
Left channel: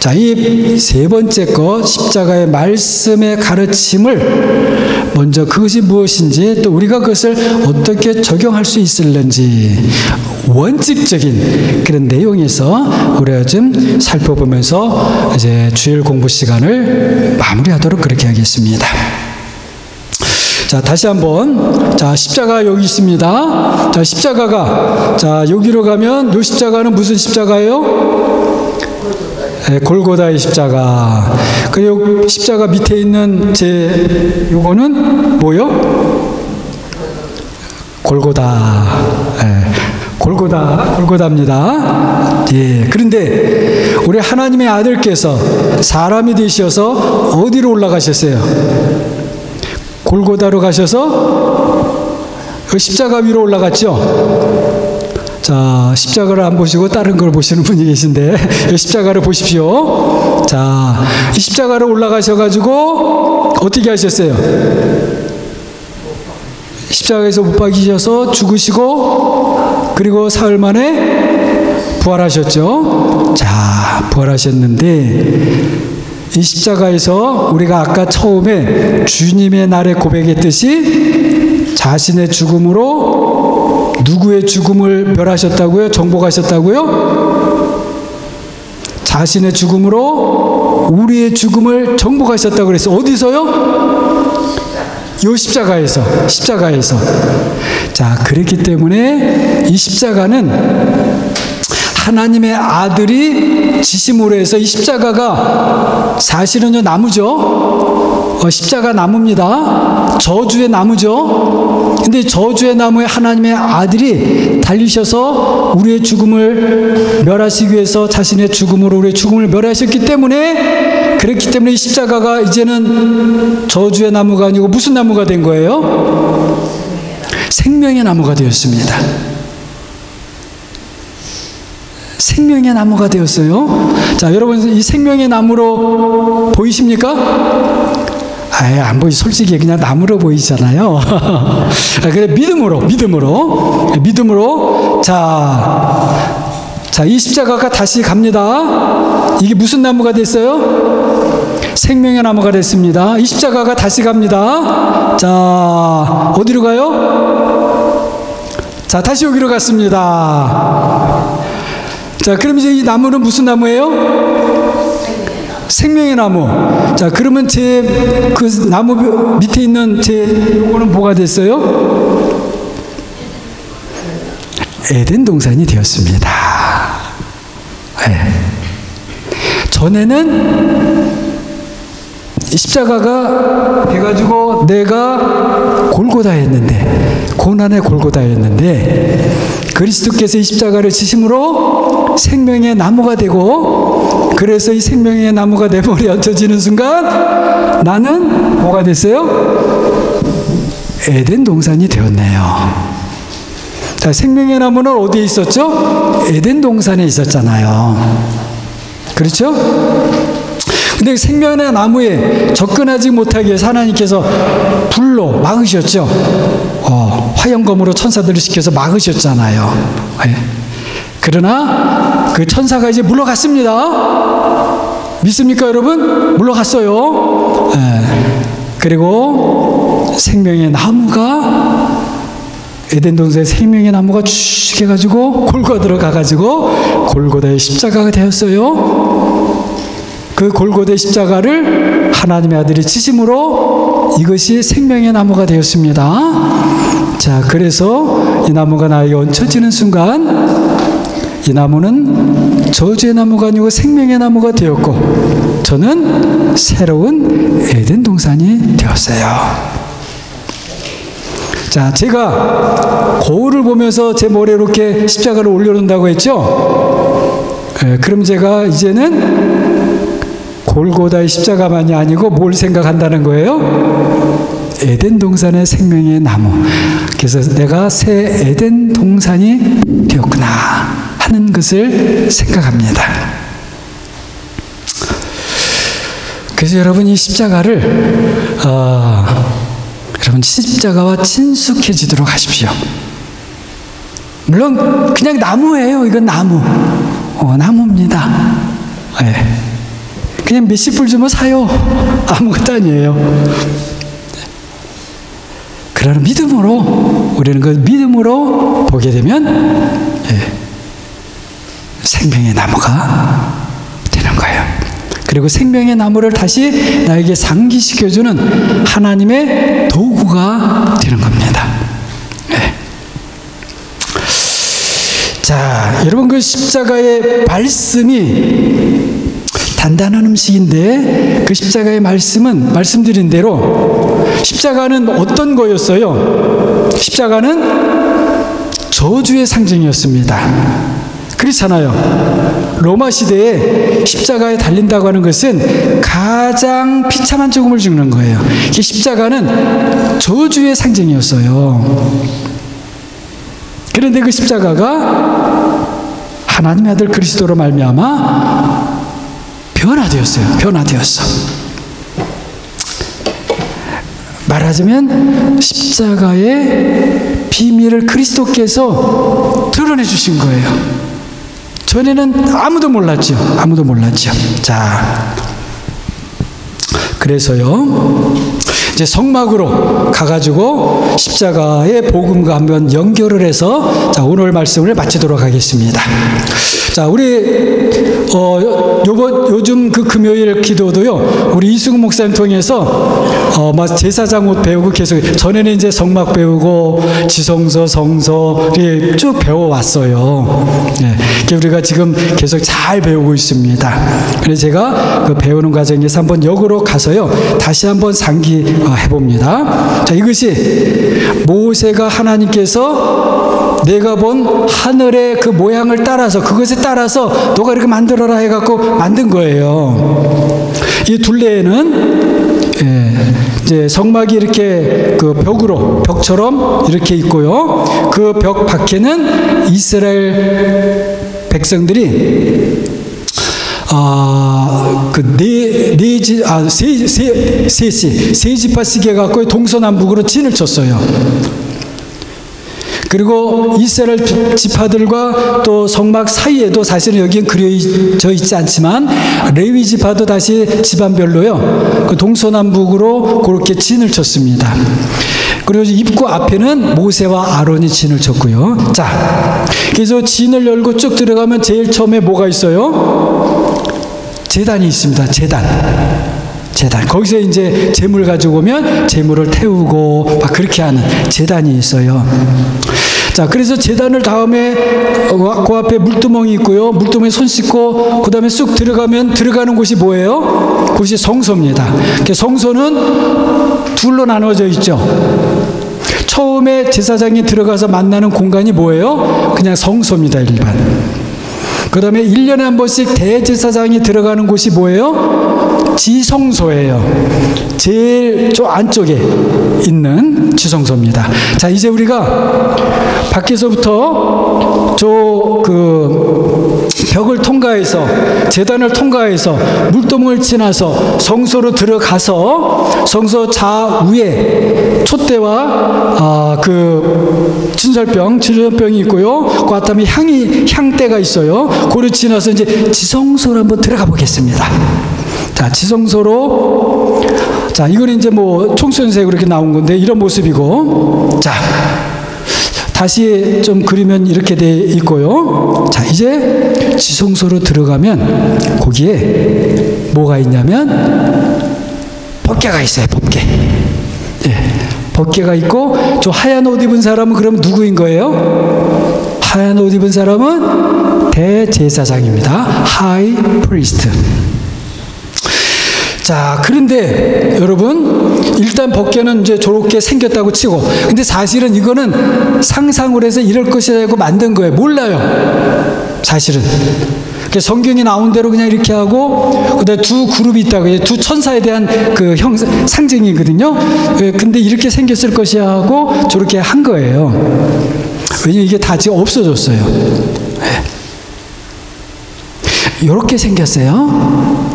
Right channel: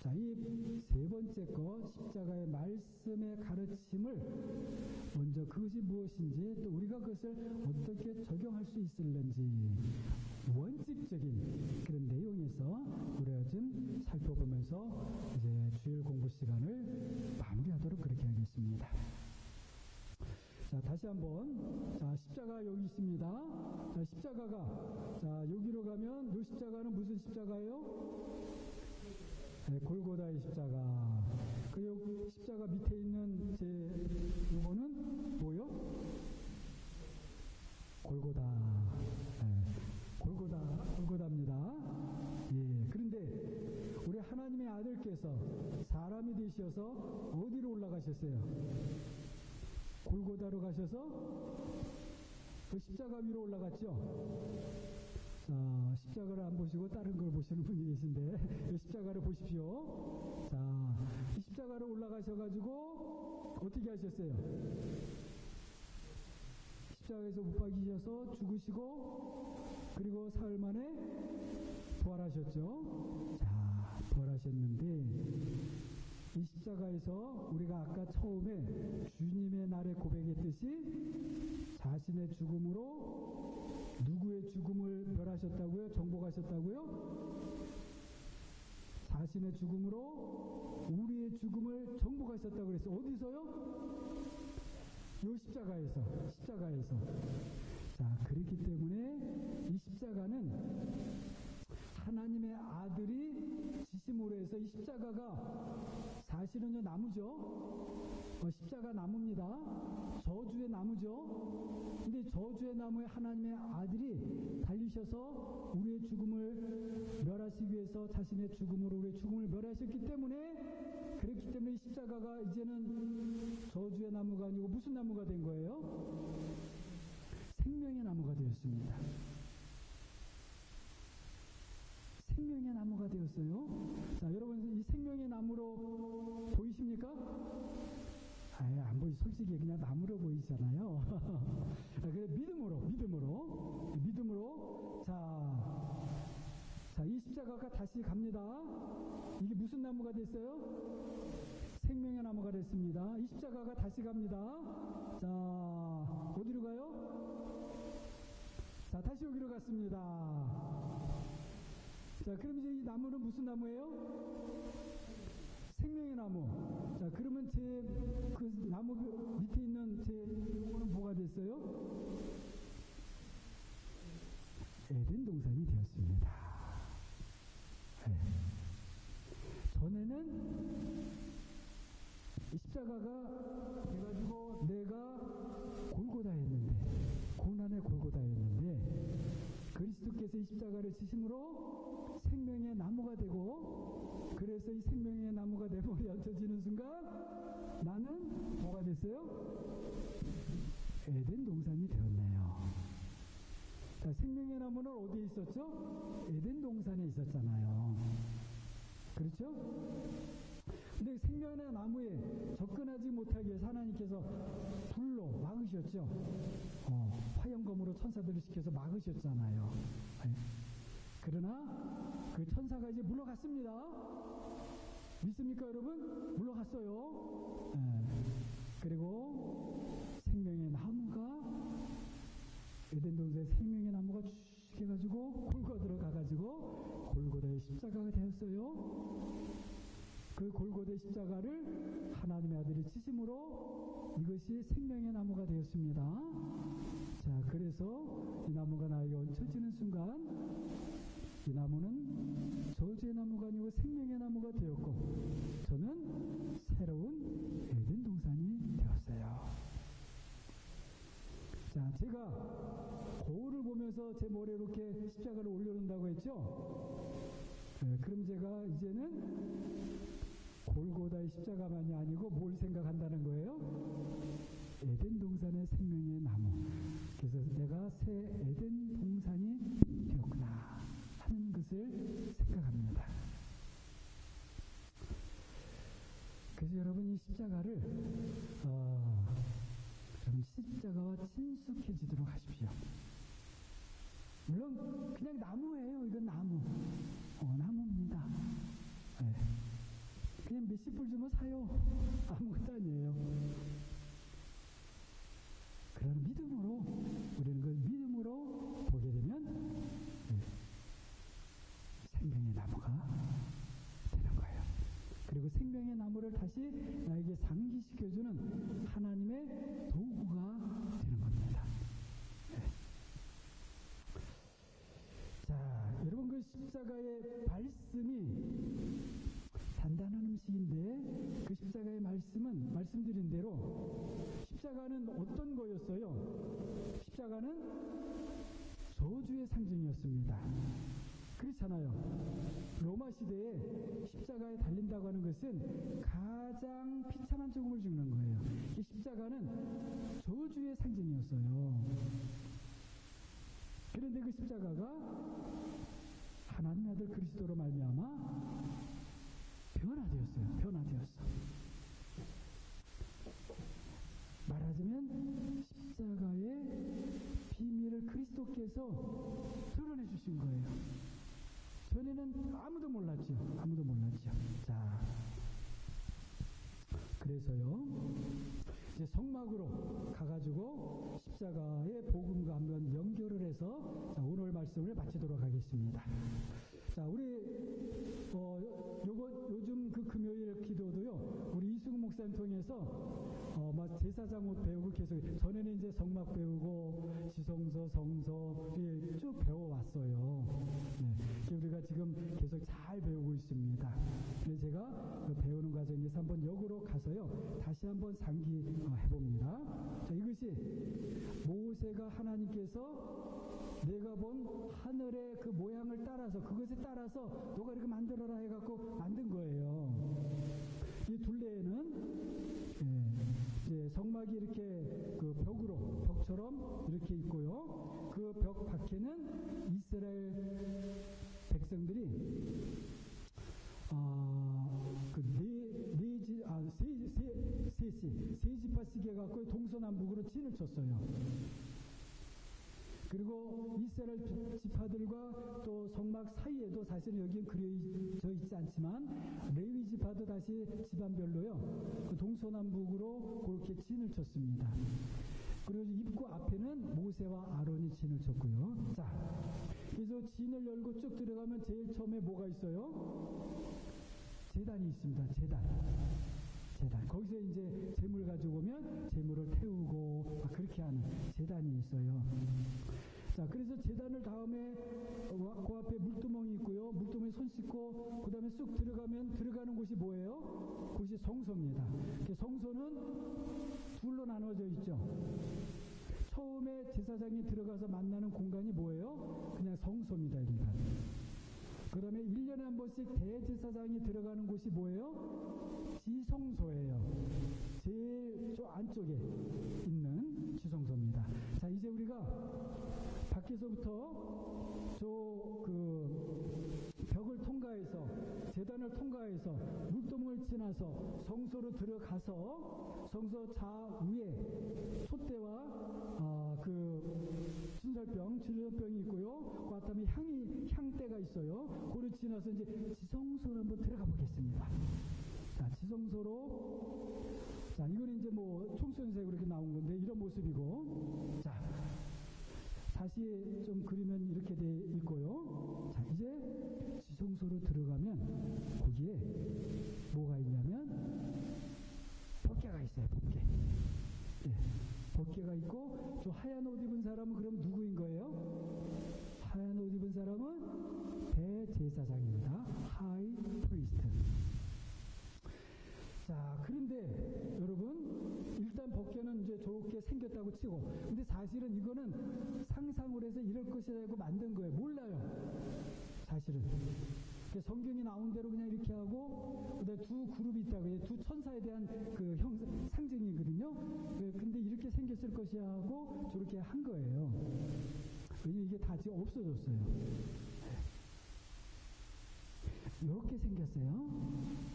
자, 이 세 번째 것 십자가의 말씀의 가르침을 먼저 그것이 무엇인지 또 우리가 그것을 어떻게 적용할 수 있을는지 원칙적인 그런 내용에서 우리가 좀 살펴보면서 이제 주일 공부 시간을 마무리하도록 그렇게 하겠습니다. 자, 다시 한번. 자, 십자가 여기 있습니다. 자, 십자가가, 자, 여기로 가면 요 십자가는 무슨 십자가예요? 네, 골고다의 십자가. 그리고 십자가 밑에 있는 요거는 뭐요? 골고다. 네, 골고다입니다. 예. 그런데 우리 하나님의 아들께서 사람이 되셔서 어디로 올라가셨어요? 골고다로 가셔서 십자가 위로 올라갔죠? 자, 십자가를 안 보시고 다른 걸 보시는 분이 계신데 십자가를 보십시오. 자, 이 십자가를 올라가셔가지고 어떻게 하셨어요? 십자가에서 못 박히셔서 죽으시고 그리고 사흘 만에 부활하셨죠. 자, 부활하셨는데 이 십자가에서 우리가 아까 처음에 주님의 날에 고백했듯이 자신의 죽음으로 누구의 죽음을 멸하셨다고요? 정복하셨다고요? 자신의 죽음으로 우리의 죽음을 정복하셨다고 그랬어요. 어디서요? 이 십자가에서. 자, 그렇기 때문에 이 십자가는 하나님의 아들이 지심으로 해서 이 십자가가 사실은요 나무죠. 십자가 나무입니다. 저주의 나무죠. 근데 저주의 나무에 하나님의 아들이 달리셔서 우리의 죽음을 멸하시기 위해서 자신의 죽음으로 우리의 죽음을 멸하셨기 때문에 그랬기 때문에 이 십자가가 이제는 저주의 나무가 아니고 무슨 나무가 된 거예요? 생명의 나무가 되었습니다. 생명의 나무가 되었어요. 자, 여러분 이 생명의 나무로 보이십니까? 아예 안 보이. 솔직히 그냥 나무로 보이잖아요. 그래 믿음으로 자, 이 십자가가 다시 갑니다. 이게 무슨 나무가 됐어요? 생명의 나무가 됐습니다. 이 십자가가 다시 갑니다. 자, 어디로 가요? 자, 다시 여기로 갔습니다. 자, 그럼 이제 이 나무는 무슨 나무예요? 생명의 나무. 자, 그러면 제 그 나무 밑에 있는 제 요거는 뭐가 됐어요? 에덴 동산이 되었습니다. 네. 전에는 십자가가 돼가지고 내가 골고다였는데, 고난의 골고다였는데, 그리스도께서 이 십자가를 지심으로 생명의 나무가 되고, 그래서 이 생명의 나무가 내 머리에 얹혀지는 순간 나는 뭐가 됐어요? 에덴 동산이 되었네요. 자, 생명의 나무는 어디에 있었죠? 에덴 동산에 있었잖아요. 그렇죠? 근데 생명의 나무에 접근하지 못하게 해서 하나님께서 불로 막으셨죠. 화염검으로 천사들을 시켜서 막으셨잖아요. 네. 그러나 그 천사가 이제 물러갔습니다. 믿습니까, 여러분? 물러갔어요. 네. 그리고 생명의 나무가, 에덴 동산의 생명의 나무가 쭉 해가지고 골고다로 가가지고 골고다의 십자가가 되었어요. 그 골고다의 십자가를 하나님의 아들이 지심으로 이것이 생명의 나무가 되었습니다. 자, 그래서 이 나무가 나에게 얹혀지는 순간 이 나무는 저주의 나무가 아니고 생명의 나무가 되었고, 저는 새로운 에덴 동산이 되었어요. 자, 제가 거울을 보면서 제 머리에 이렇게 십자가를 올려놓는다고 했죠? 그럼 제가 이제는 골고다의 십자가만이 아니고 뭘 생각한다는 거예요? 에덴 동산의 생명의 나무. 그래서 내가 새 에덴 동산이 되었구나 하는 것을 생각합니다. 그래서 여러분 이 십자가를 여러분 십자가와 친숙해지도록 하십시오. 물론 그냥 나무예요. 이건 나무. 나무입니다. 네. 그냥 몇십 불 주면 사요. 아무것도 아니에요. 그러나 믿음으로, 우리는 그 믿음으로 보게 되면 생명의 나무가 되는 거예요. 그리고 생명의 나무를 다시 나에게 상기시켜주는 하나님의 도구가 되는 겁니다. 네. 자, 여러분 그 십자가의 말씀이 단단한 음식인데, 그 십자가의 말씀은 말씀드린 대로 십자가는 어떤 거였어요? 십자가는 저주의 상징이었습니다. 그렇잖아요. 로마 시대에 십자가에 달린다고 하는 것은 가장 비참한 죽음을 죽는 거예요. 이 십자가는 저주의 상징이었어요. 그런데 그 십자가가 하나님의 아들 그리스도로 말미암아 변화되었어요. 변화되었어. 말하자면 십자가의 비밀을 그리스도께서 드러내 주신 거예요. 전에는 아무도 몰랐죠. 아무도 몰랐죠. 자, 그래서요, 이제 성막으로 가가지고 십자가의 복음과 한번 연결을 해서, 자, 오늘 말씀을 마치도록 하겠습니다. 자, 우리 요즘 그 금요일 기도도요, 우리 이승우 목사님 통해서 제사장 옷 배우고 계속, 전에는 이제 성막 배우고 지성서, 성서 쭉 배워왔어요. 네, 우리가 지금 계속 잘 배우고 있습니다. 그래서 제가 그 배우는 과정에서 한번 역으로 가서요, 다시 한번 상기해 봅니다. 자, 이것이 모세가 하나님께서 내가 본 하늘의 그 모양을 따라서 그것에 따라서 너가 이렇게 만들어라 해갖고 만든 거예요. 이 둘레에는 이제 성막이 이렇게 그 벽처럼 이렇게 있고요. 그 벽 밖에는 이스라엘 백성들이 세 지파씩 해갖고 동서남북으로 진을 쳤어요. 그리고 이스라엘 지파들과 또 성막 사이에도 사실은 여기는 그려져 있지 않지만 레위 지파도 다시 집안별로요. 그 동서남북으로 그렇게 진을 쳤습니다. 그리고 입구 앞에는 모세와 아론이 진을 쳤고요. 자, 그래서 진을 열고 쭉 들어가면 제일 처음에 뭐가 있어요? 제단이 있습니다. 제단. 거기서 이제 재물 가지고 오면 재물을 태우고 막 그렇게 하는 제단이 있어요. 자, 그래서 제단을 다음에 그 앞에 물두멍이 있고요. 물두멍에 손 씻고 그 다음에 쑥 들어가는 곳이 뭐예요? 그것이 성소입니다. 성소는 둘로 나눠져 있죠. 처음에 제사장이 들어가서 만나는 공간이 뭐예요? 그냥 성소입니다. 일반. 그 다음에 1년에 한 번씩 대제사장이 들어가는 곳이 뭐예요? 지성소예요. 제일 저 안쪽에 있는 지성소입니다. 자, 이제 우리가 밖에서부터 벽을 통과해서 제단을 통과해서 물동을 지나서 성소로 들어가서 성소 좌우에 촛대와 그 진설병이 있고요. 그 다음에 향대가 있어요. 그걸 지나서 이제 지성소로 한번 들어가 보겠습니다. 자, 지성소로, 자, 이거는 이제 뭐 총선색으로 이렇게 나온 건데 이런 모습이고, 자, 다시 좀 그리면 이렇게 돼 있고요. 자, 이제 지성소로 들어가면 거기에 뭐가 있냐면 법궤가 있어요. 법궤. 법궤가 있고, 저 하얀 옷 입은 사람은 그럼 누구인 거예요? 하얀 옷 입은 사람은 대제사장입니다. 하이 프리스트. 자, 그런데 여러분, 일단 법궤는 이제 저렇게 생겼다고 치고, 근데 사실은 이거는 상상을 해서 이럴 것이라고 만든 거예요. 몰라요. 사실은. 성경이 나온 대로 그냥 이렇게 하고, 그다음에 두 그룹이 있다고, 두 천사에 대한 그 상징이거든요. 근데 이렇게 생겼을 것이야 하고 저렇게 한 거예요. 왜냐면 이게 다 지금 없어졌어요. 이렇게 생겼어요.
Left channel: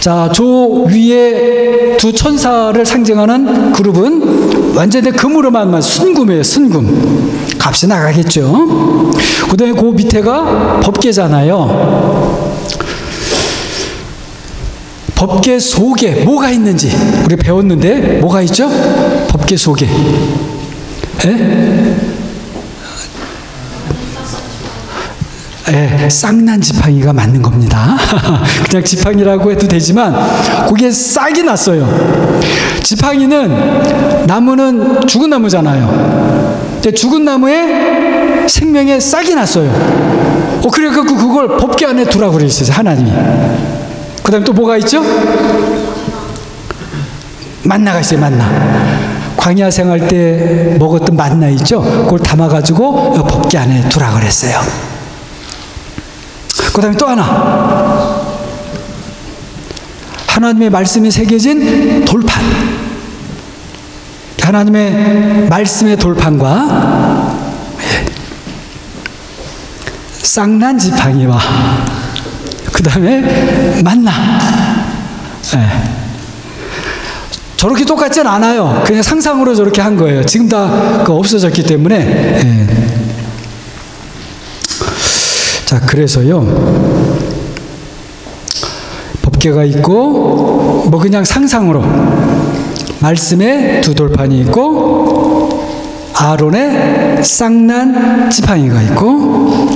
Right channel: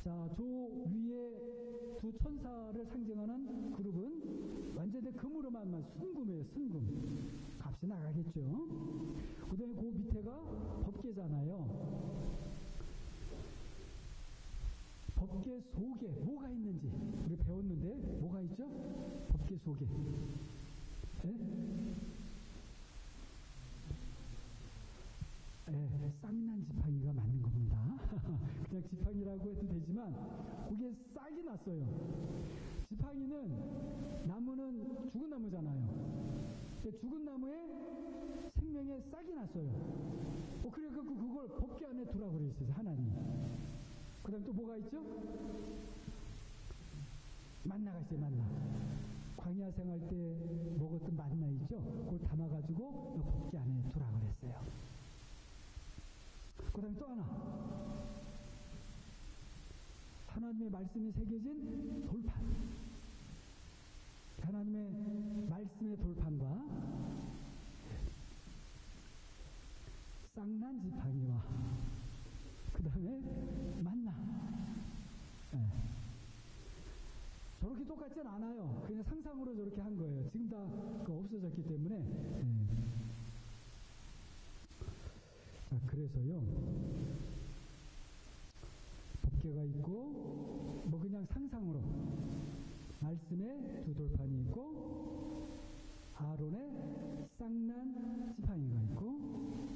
자, 저 위에 두 천사를 상징하는 그룹은 완전히 금으로만 순금이에요. 순금. 값이 나가겠죠. 그 다음에 그 밑에가 법궤잖아요. 법궤 속에 뭐가 있는지 우리 배웠는데 뭐가 있죠? 법궤 속에. 쌍난 지팡이가 맞는 겁니다. 그냥 지팡이라고 해도 되지만 그게 싹이 났어요. 지팡이는 나무는 죽은 나무잖아요. 근데 죽은 나무에 생명의 싹이 났어요. 그래서 그걸 법궤 안에 두라고 그랬어요. 하나님이. 그 다음에 또 뭐가 있죠? 만나가 있어요. 만나. 광야 생활 때 먹었던 만나 있죠? 그걸 담아가지고 법궤 안에 두라고 그랬어요. 그 다음에 또 하나, 하나님의 말씀이 새겨진 돌판. 하나님의 말씀의 돌판과 쌍난 지팡이와 그 다음에 만나. 저렇게 똑같진 않아요. 그냥 상상으로 저렇게 한 거예요. 지금 다 없어졌기 때문에. 자, 그래서요, 법궤가 있고, 뭐 그냥 상상으로 말씀에 두 돌판이 있고, 아론의 쌍난 지팡이가 있고,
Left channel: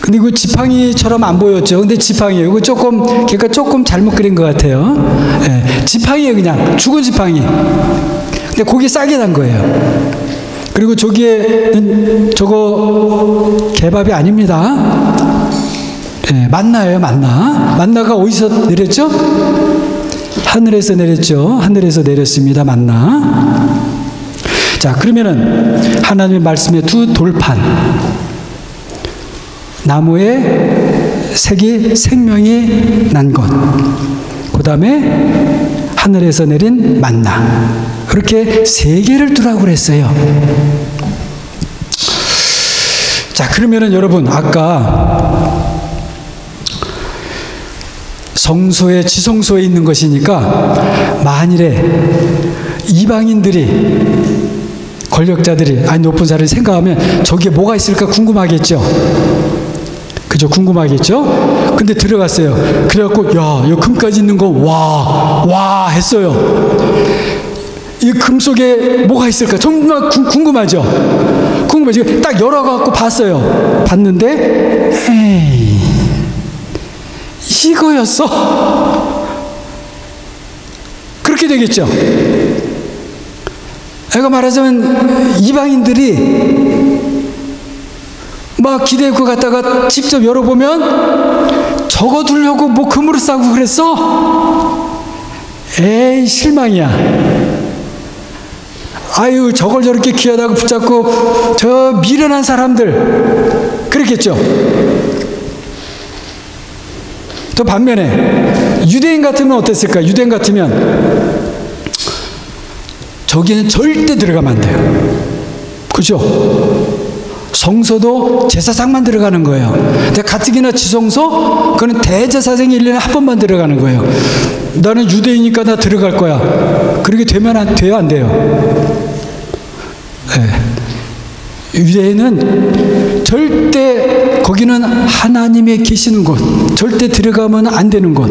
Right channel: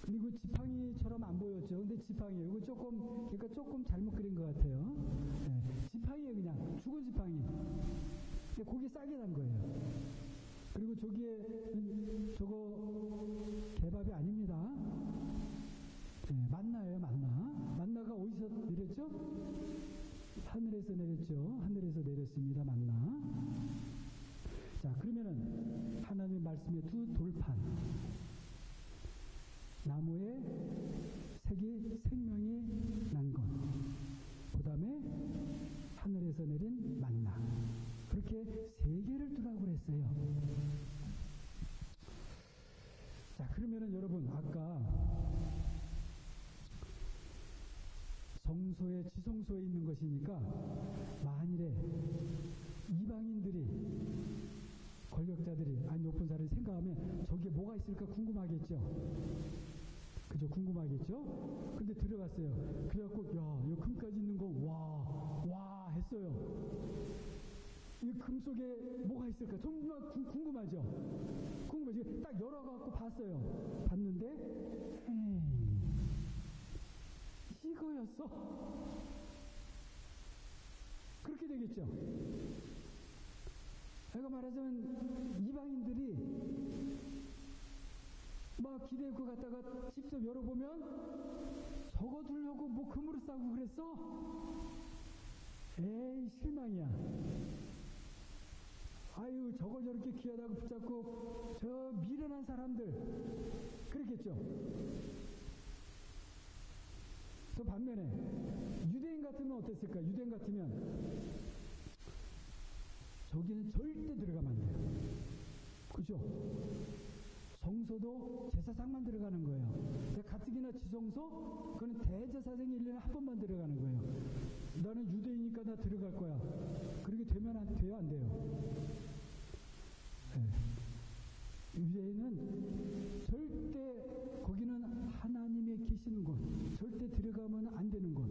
근데 이거 지팡이처럼 안 보였죠. 근데 지팡이에요. 이거 걔가 조금 잘못 그린 것 같아요. 지팡이에요. 그냥 죽은 지팡이. 근데 거기에 싹이 난 거예요. 그리고 저거 개밥이 아닙니다. 만나예요. 만나가 어디서 내렸죠? 하늘에서 내렸죠. 하늘에서 내렸습니다. 만나. 자, 그러면은 하나님의 말씀의 두 돌판. 나무에 색이 생명이 난 것. 그 다음에 하늘에서 내린 만나. 그렇게 세 개를 두라고 그랬어요. 자, 그러면은 여러분, 아까 성소에, 지성소에 있는 것이니까 만일에 이방인들이, 권력자들이, 아니 높은 사람이 생각하면 저기에 뭐가 있을까 궁금하겠죠. 그죠? 궁금하겠죠? 근데 들어갔어요. 그래갖고, 야, 이 금까지 있는 거, 와 했어요. 이 금 속에 뭐가 있을까? 정말 궁금하죠? 궁금하죠? 딱 열어갖고 봤어요. 봤는데, 에이, 이거였어? 그렇게 되겠죠? 내가 말하자면 이방인들이 막 기대고 갔다가 직접 열어보면 저거 두려고 뭐 금으로 싸고 그랬어? 에이, 실망이야. 아유, 저걸 저렇게 귀하다고 붙잡고 저 미련한 사람들, 그랬겠죠? 또 반면에 유대인 같으면 어땠을까? 유대인 같으면 저기는 절대 들어가면 안 돼요. 그죠? 성소도 제사장만 들어가는 거예요. 근데 가뜩이나 지성소, 그거는 대제사장이 1년에 한 번만 들어가는 거예요. 나는 유대이니까 나 들어갈 거야. 그렇게 되면 안 돼요, 안 돼요? 네. 유대인은 절대, 거기는 하나님의 계시는 곳, 절대 들어가면 안 되는 곳.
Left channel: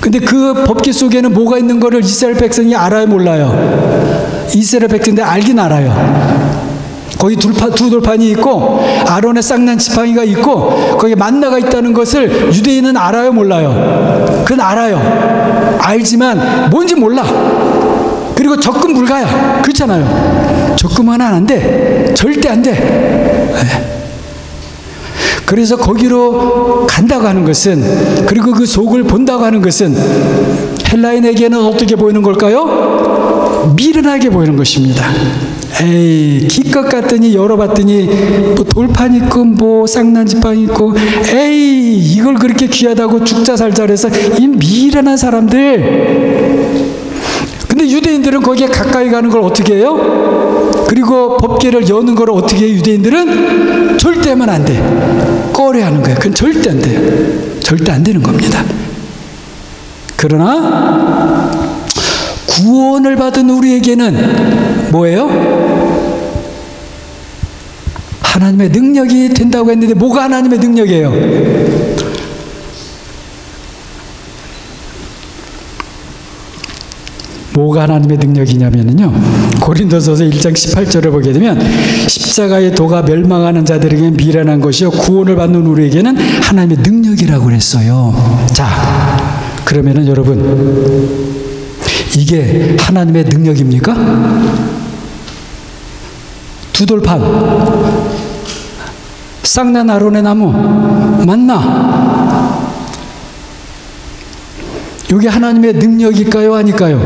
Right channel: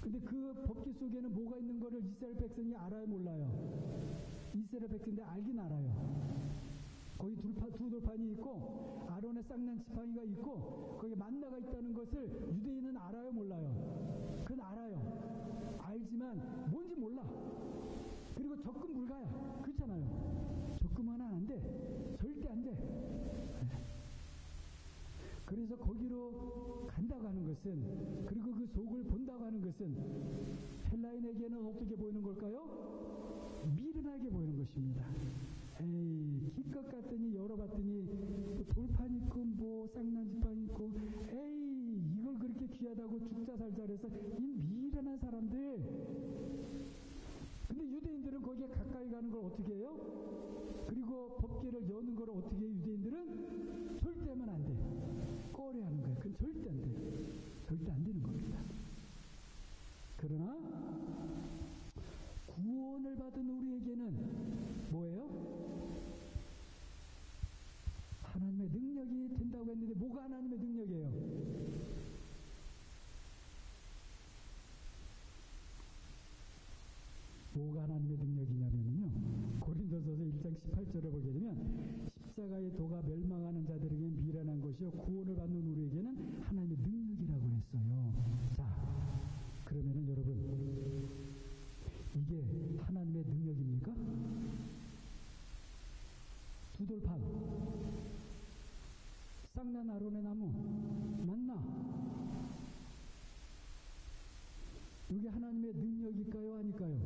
근데 그 법규 속에는 뭐가 있는 거를 이스라엘 백성이 알아요, 몰라요? 이스라엘 백성들 알긴 알아요. 거기 두 돌판이 있고 아론의 쌍난 지팡이가 있고 거기에 만나가 있다는 것을 유대인은 알아요, 몰라요? 그건 알아요. 알지만 뭔지 몰라. 그리고 접근 불가야. 그렇잖아요. 접근하면 안 돼. 절대 안 돼. 네. 그래서 거기로 간다고 하는 것은, 그리고 그 속을 본다고 하는 것은 헬라인에게는 어떻게 보이는 걸까요? 미련하게 보이는 것입니다. 에이, 기껏 갔더니 열어봤더니 뭐 돌판 있고 뭐 쌍난지팡이 있고, 에이, 이걸 그렇게 귀하다고 죽자 살자 해서 이 미련한 사람들. 근데 유대인들은 거기에 가까이 가는 걸 어떻게 해요? 그리고 법궤를 여는 걸 어떻게 해요? 유대인들은 절대 하면 안 돼. 꺼려하는 거예요. 그건 절대 안 돼요. 절대 안 되는 겁니다. 그러나 구원을 받은 우리에게는 뭐예요? 하나님의 능력이 된다고 했는데 뭐가 하나님의 능력이에요? 뭐가 하나님의 능력이냐면요, 고린도서서 1장 18절을 보게 되면 십자가의 도가 멸망하는 자들에게는 미련한 것이요 구원을 받는 우리에게는 하나님의 능력이라고 그랬어요. 자, 그러면은 여러분, 이게 하나님의 능력입니까? 두 돌판, 쌍난 아론의 나무, 만나, 이게 하나님의 능력일까요? 아닐까요?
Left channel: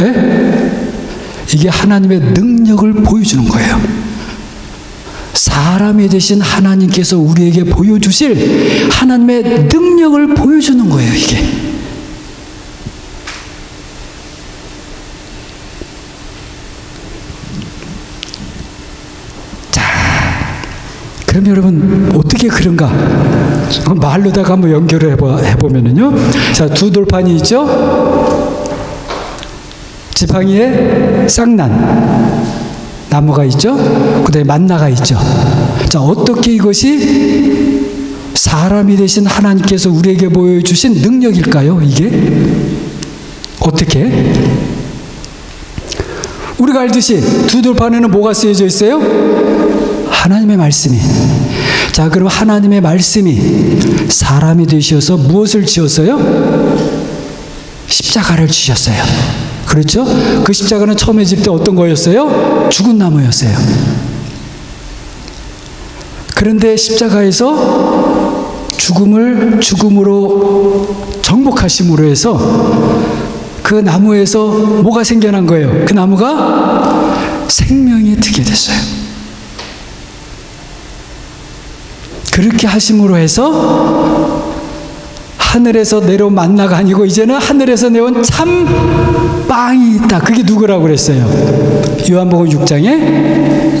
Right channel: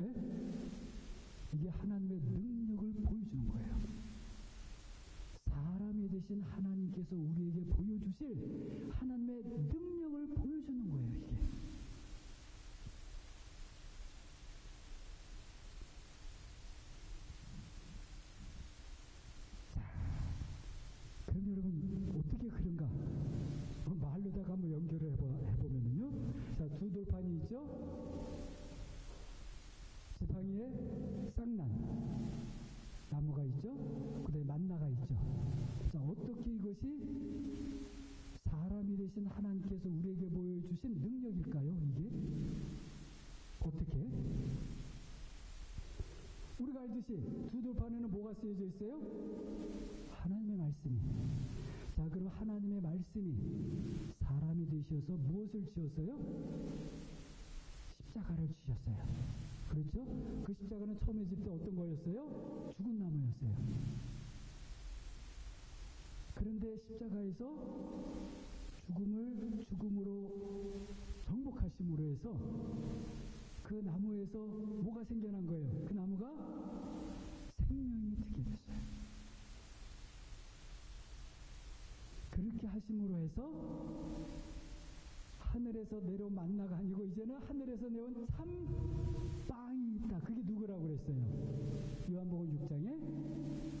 에? 이게 하나님의 능력을 보여주는 거예요. 사람이 되신 하나님께서 우리에게 보여주실 하나님의 능력을 보여주는 거예요, 이게. 자, 그럼 여러분, 어떻게 그런가? 말로다가 한번 연결을 해보면은요. 자, 두 돌판이 있죠? 지팡이에 쌍난 나무가 있죠? 그 다음에 만나가 있죠? 자, 어떻게 이것이 사람이 되신 하나님께서 우리에게 보여주신 능력일까요? 이게? 어떻게? 우리가 알듯이 두 돌판에는 뭐가 쓰여져 있어요? 하나님의 말씀이. 자, 그럼 하나님의 말씀이 사람이 되셔서 무엇을 지었어요? 십자가를 지셨어요. 그렇죠? 그 십자가는 처음에 질 때 어떤 거였어요? 죽은 나무였어요. 그런데 십자가에서 죽음을 죽음으로 정복하심으로 해서 그 나무에서 뭐가 생겨난 거예요? 그 나무가 생명이 되게 됐어요. 그렇게 하심으로 해서 하늘에서 내려온 만나가 아니고 이제는 하늘에서 내온 참 빵이 있다. 그게 누구라고 그랬어요? 요한복음 6장에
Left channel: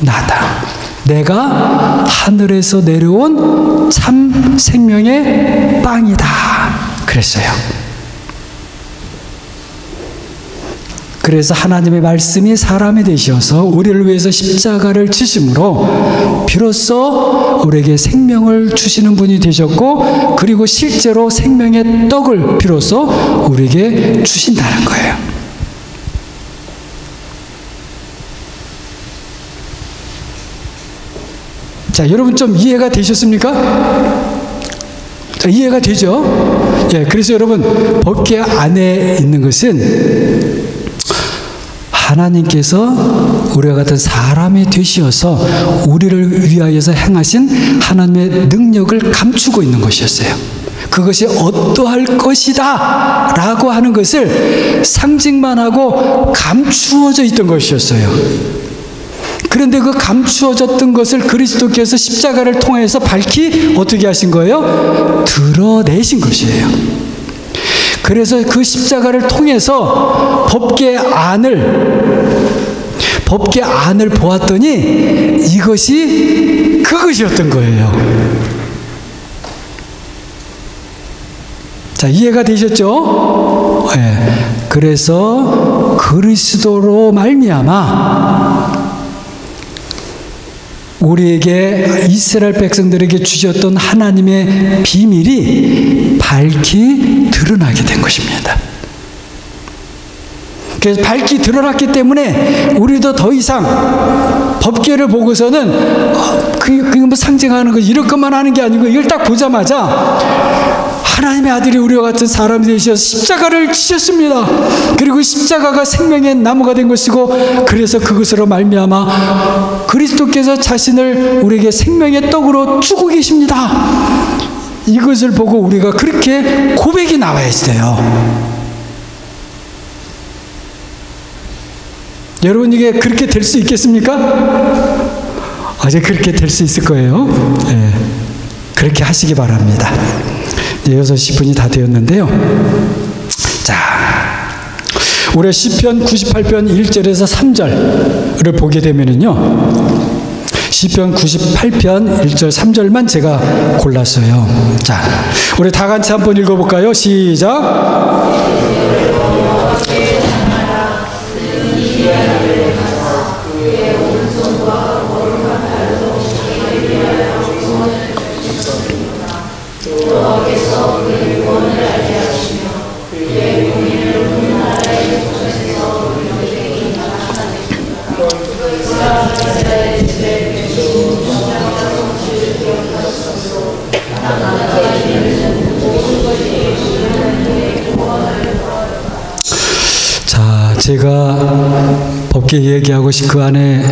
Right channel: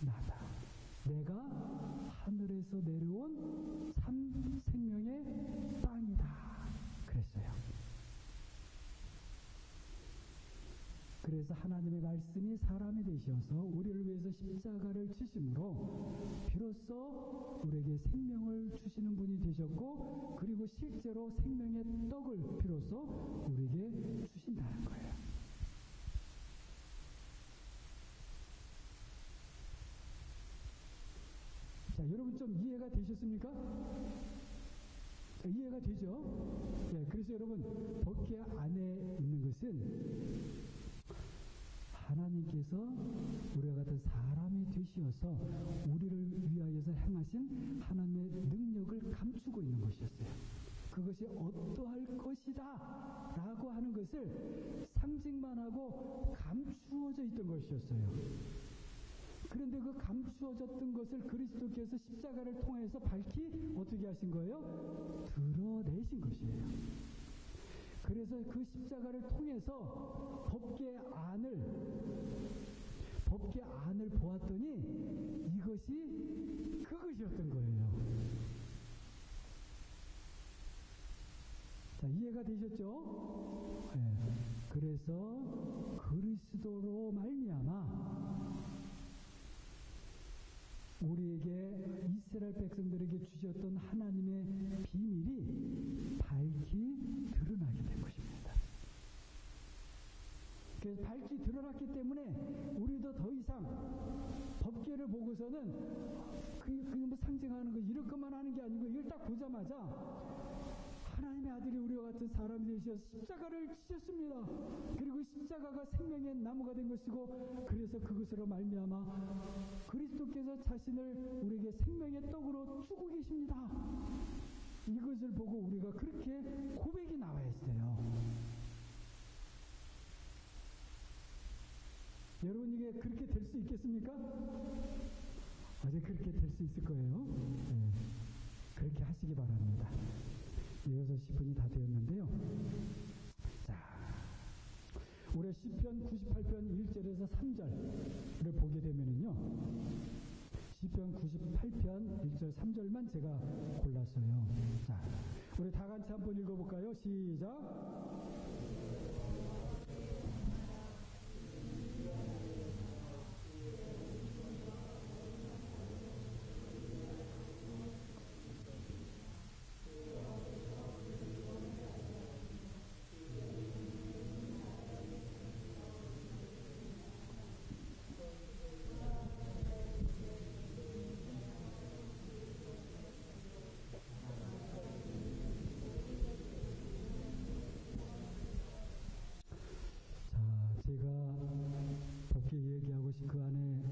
나다. 내가 하늘에서 내려온 참 생명의 빵이다. 그랬어요. 그래서 하나님의 말씀이 사람이 되셔서 우리를 위해서 십자가를 지심으로 비로소 우리에게 생명을 주시는 분이 되셨고, 그리고 실제로 생명의 떡을 비로소 우리에게 주신다는 거예요. 자, 여러분 좀 이해가 되셨습니까? 자, 이해가 되죠? 예, 그래서 여러분 법궤 안에 있는 것은 하나님께서 우리와 같은 사람이 되시어서 우리를 위하여서 행하신 하나님의 능력을 감추고 있는 것이었어요. 그것이 어떠할 것이다 라고 하는 것을 상징만 하고 감추어져 있던 것이었어요. 그런데 그 감추어졌던 것을 그리스도께서 십자가를 통해서 밝히 어떻게 하신 거예요? 드러내신 것이에요. 그래서 그 십자가를 통해서 법궤 안을 보았더니 이것이 그것이었던 거예요. 자, 이해가 되셨죠? 네. 그래서 그리스도로 말미암아 우리에게 이스라엘 백성들에게 주셨던 하나님의 비밀이 밝히 드러나게 된 것입니다. 그래서 밝히 드러났기 때문에 우리도 더 이상 법궤를 보고서는 그게 뭐 상징하는 거 이럴 것만 하는 게 아니고 이걸 딱 보자마자 하나님의 아들이 우리와 같은 사람이 되셔서 십자가를 지셨습니다. 그리고 십자가가 생명의 나무가 된 것이고, 그래서 그것으로 말미암아 그리스도께서 자신을 우리에게 생명의 떡으로 주고 계십니다. 이것을 보고 우리가 그렇게 고백이 나와야 돼요. 여러분, 이게 그렇게 될 수 있겠습니까? 어제 그렇게 될 수 있을 거예요. 네. 그렇게 하시기 바랍니다. 6시 10분이 다 되었는데요. 자, 우리 시편 98편 1절에서 3절을 보게 되면은요, 시편 98편 1절 3절만 제가 골랐어요. 자, 우리 다 같이 한번 읽어볼까요? 시작. 제가 법궤 얘기하고 그 안에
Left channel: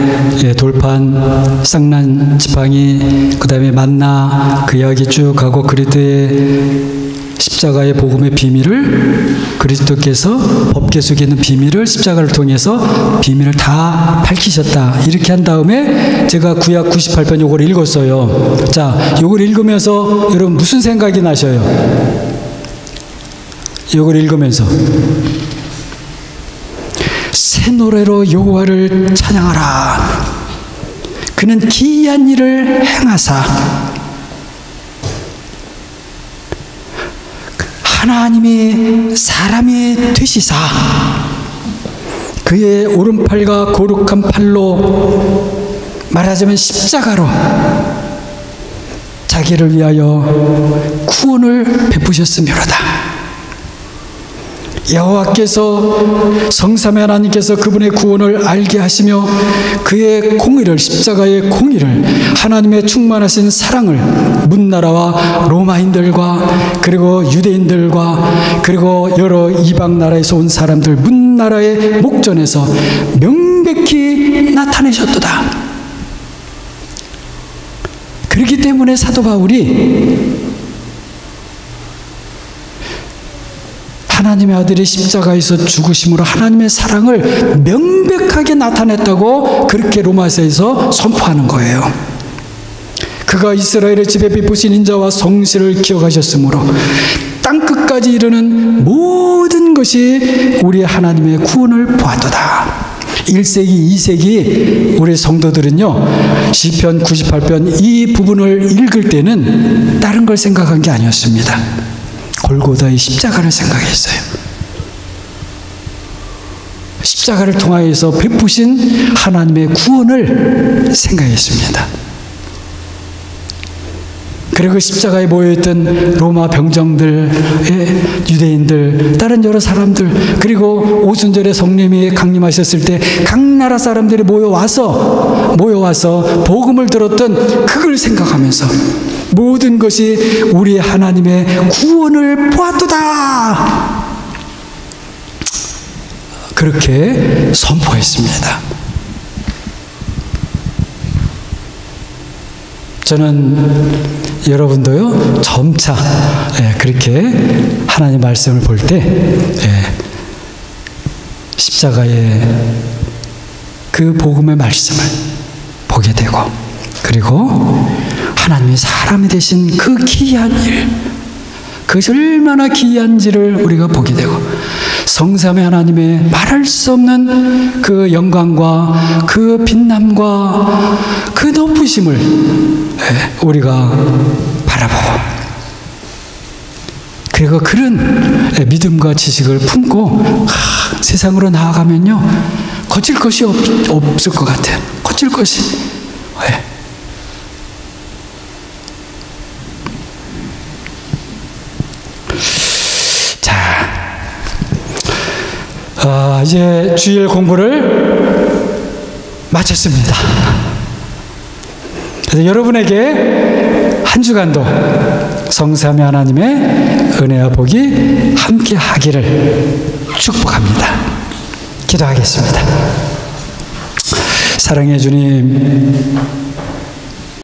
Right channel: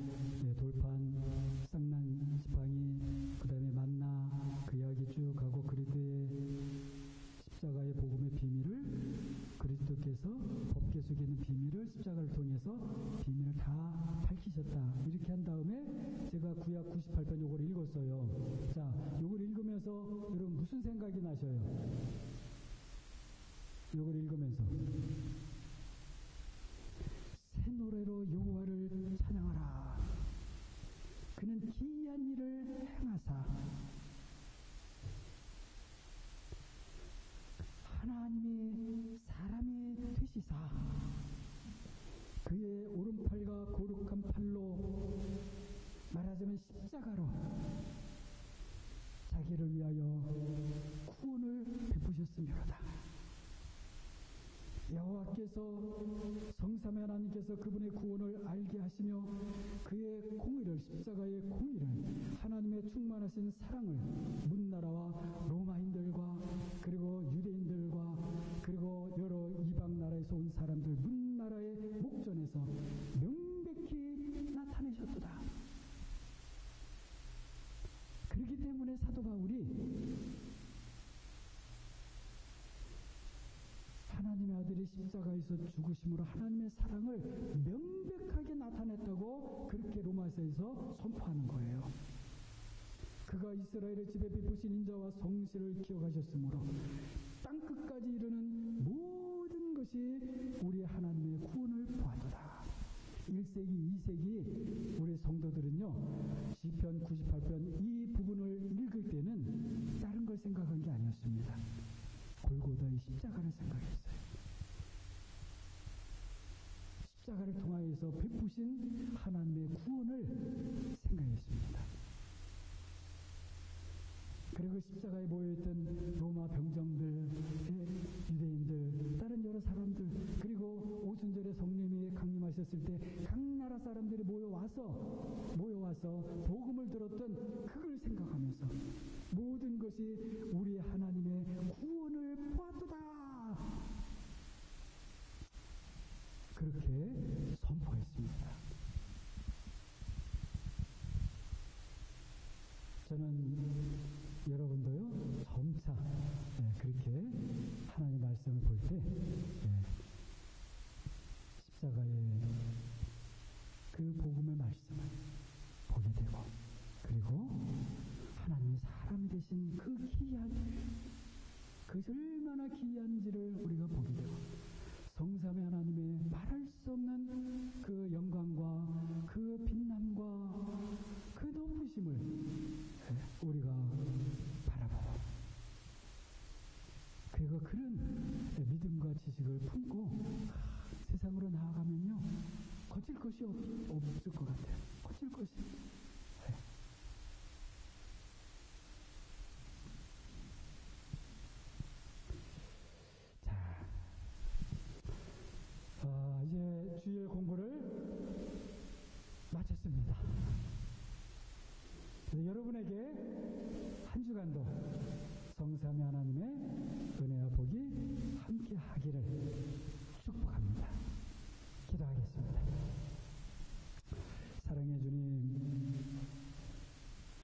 돌판, 쌍난 지팡이, 그 다음에 만나 그 이야기 쭉 하고 그리스도의 십자가의 복음의 비밀을, 그리스도께서 법궤 속에 있는 비밀을 십자가를 통해서 비밀을 다 밝히셨다. 이렇게 한 다음에 제가 구약 98편 요걸 읽었어요. 자, 요걸 읽으면서 여러분 무슨 생각이 나셔요? 요걸 읽으면서 새 노래로 여호와를 찬양하라. 그는 기이한 일을 행하사 하나님이 사람이 되시사 그의 오른팔과 거룩한 팔로 말하자면 십자가로 자기를 위하여 구원을 베푸셨으며로다. 여호와께서 성삼위 하나님께서 그분의 구원을 알게 하시며 그의 공의를, 십자가의 공의를, 하나님의 충만하신 사랑을 문나라와 로마인들과 그리고 유대인들과 그리고 여러 이방 나라에서 온 사람들 문나라의 목전에서 명백히 나타내셨도다. 그렇기 때문에 사도 바울이 하나님의 아들이 십자가에서 죽으심으로 하나님의 사랑을 명백하게 나타냈다고 그렇게 로마서에서 선포하는 거예요. 그가 이스라엘의 집에 베푸신 인자와 성실을 기억하셨으므로 땅끝까지 이르는 모든 것이 우리 하나님의 구원을 보았도다. 1세기, 2세기 우리 성도들은요, 시편 98편 이 부분을 읽을 때는 다른 걸 생각한 게 아니었습니다. 골고다의 십자가를 생각했어요. 십자가를 통하여서 베푸신 하나님의 구원을 생각했습니다. 그리고 십자가에 모여있던 로마 병정들, 유대인들, 다른 여러 사람들, 그리고 오순절에 성령이 강림하셨을 때 각 나라 사람들이 모여와서 복음을 들었던 그걸 생각하면서 모든 것이 우리 하나님의 구원을 보았도다. 그렇게 선포했습니다. 저는 여러분도요, 점차 그렇게 하나님 말씀을 볼 때 십자가의 그 복음의 말씀을 보게 되고, 그리고 하나님이 사람이 되신 그 기이한 일, 그것이 얼마나 기이한지를 우리가 보게 되고, 성삼위 하나님의 말할 수 없는 그 영광과 그 빛남과 그 높으심을 우리가 바라보고, 그리고 그런 믿음과 지식을 품고 세상으로 나아가면요, 거칠 것이 없을 것 같아요. 거칠 것이. 이제 주일 공부를 마쳤습니다. 그래서 여러분에게 한 주간도 성삼위 하나님의 은혜와 복이 함께 하기를 축복합니다. 기도하겠습니다. 사랑해 주님,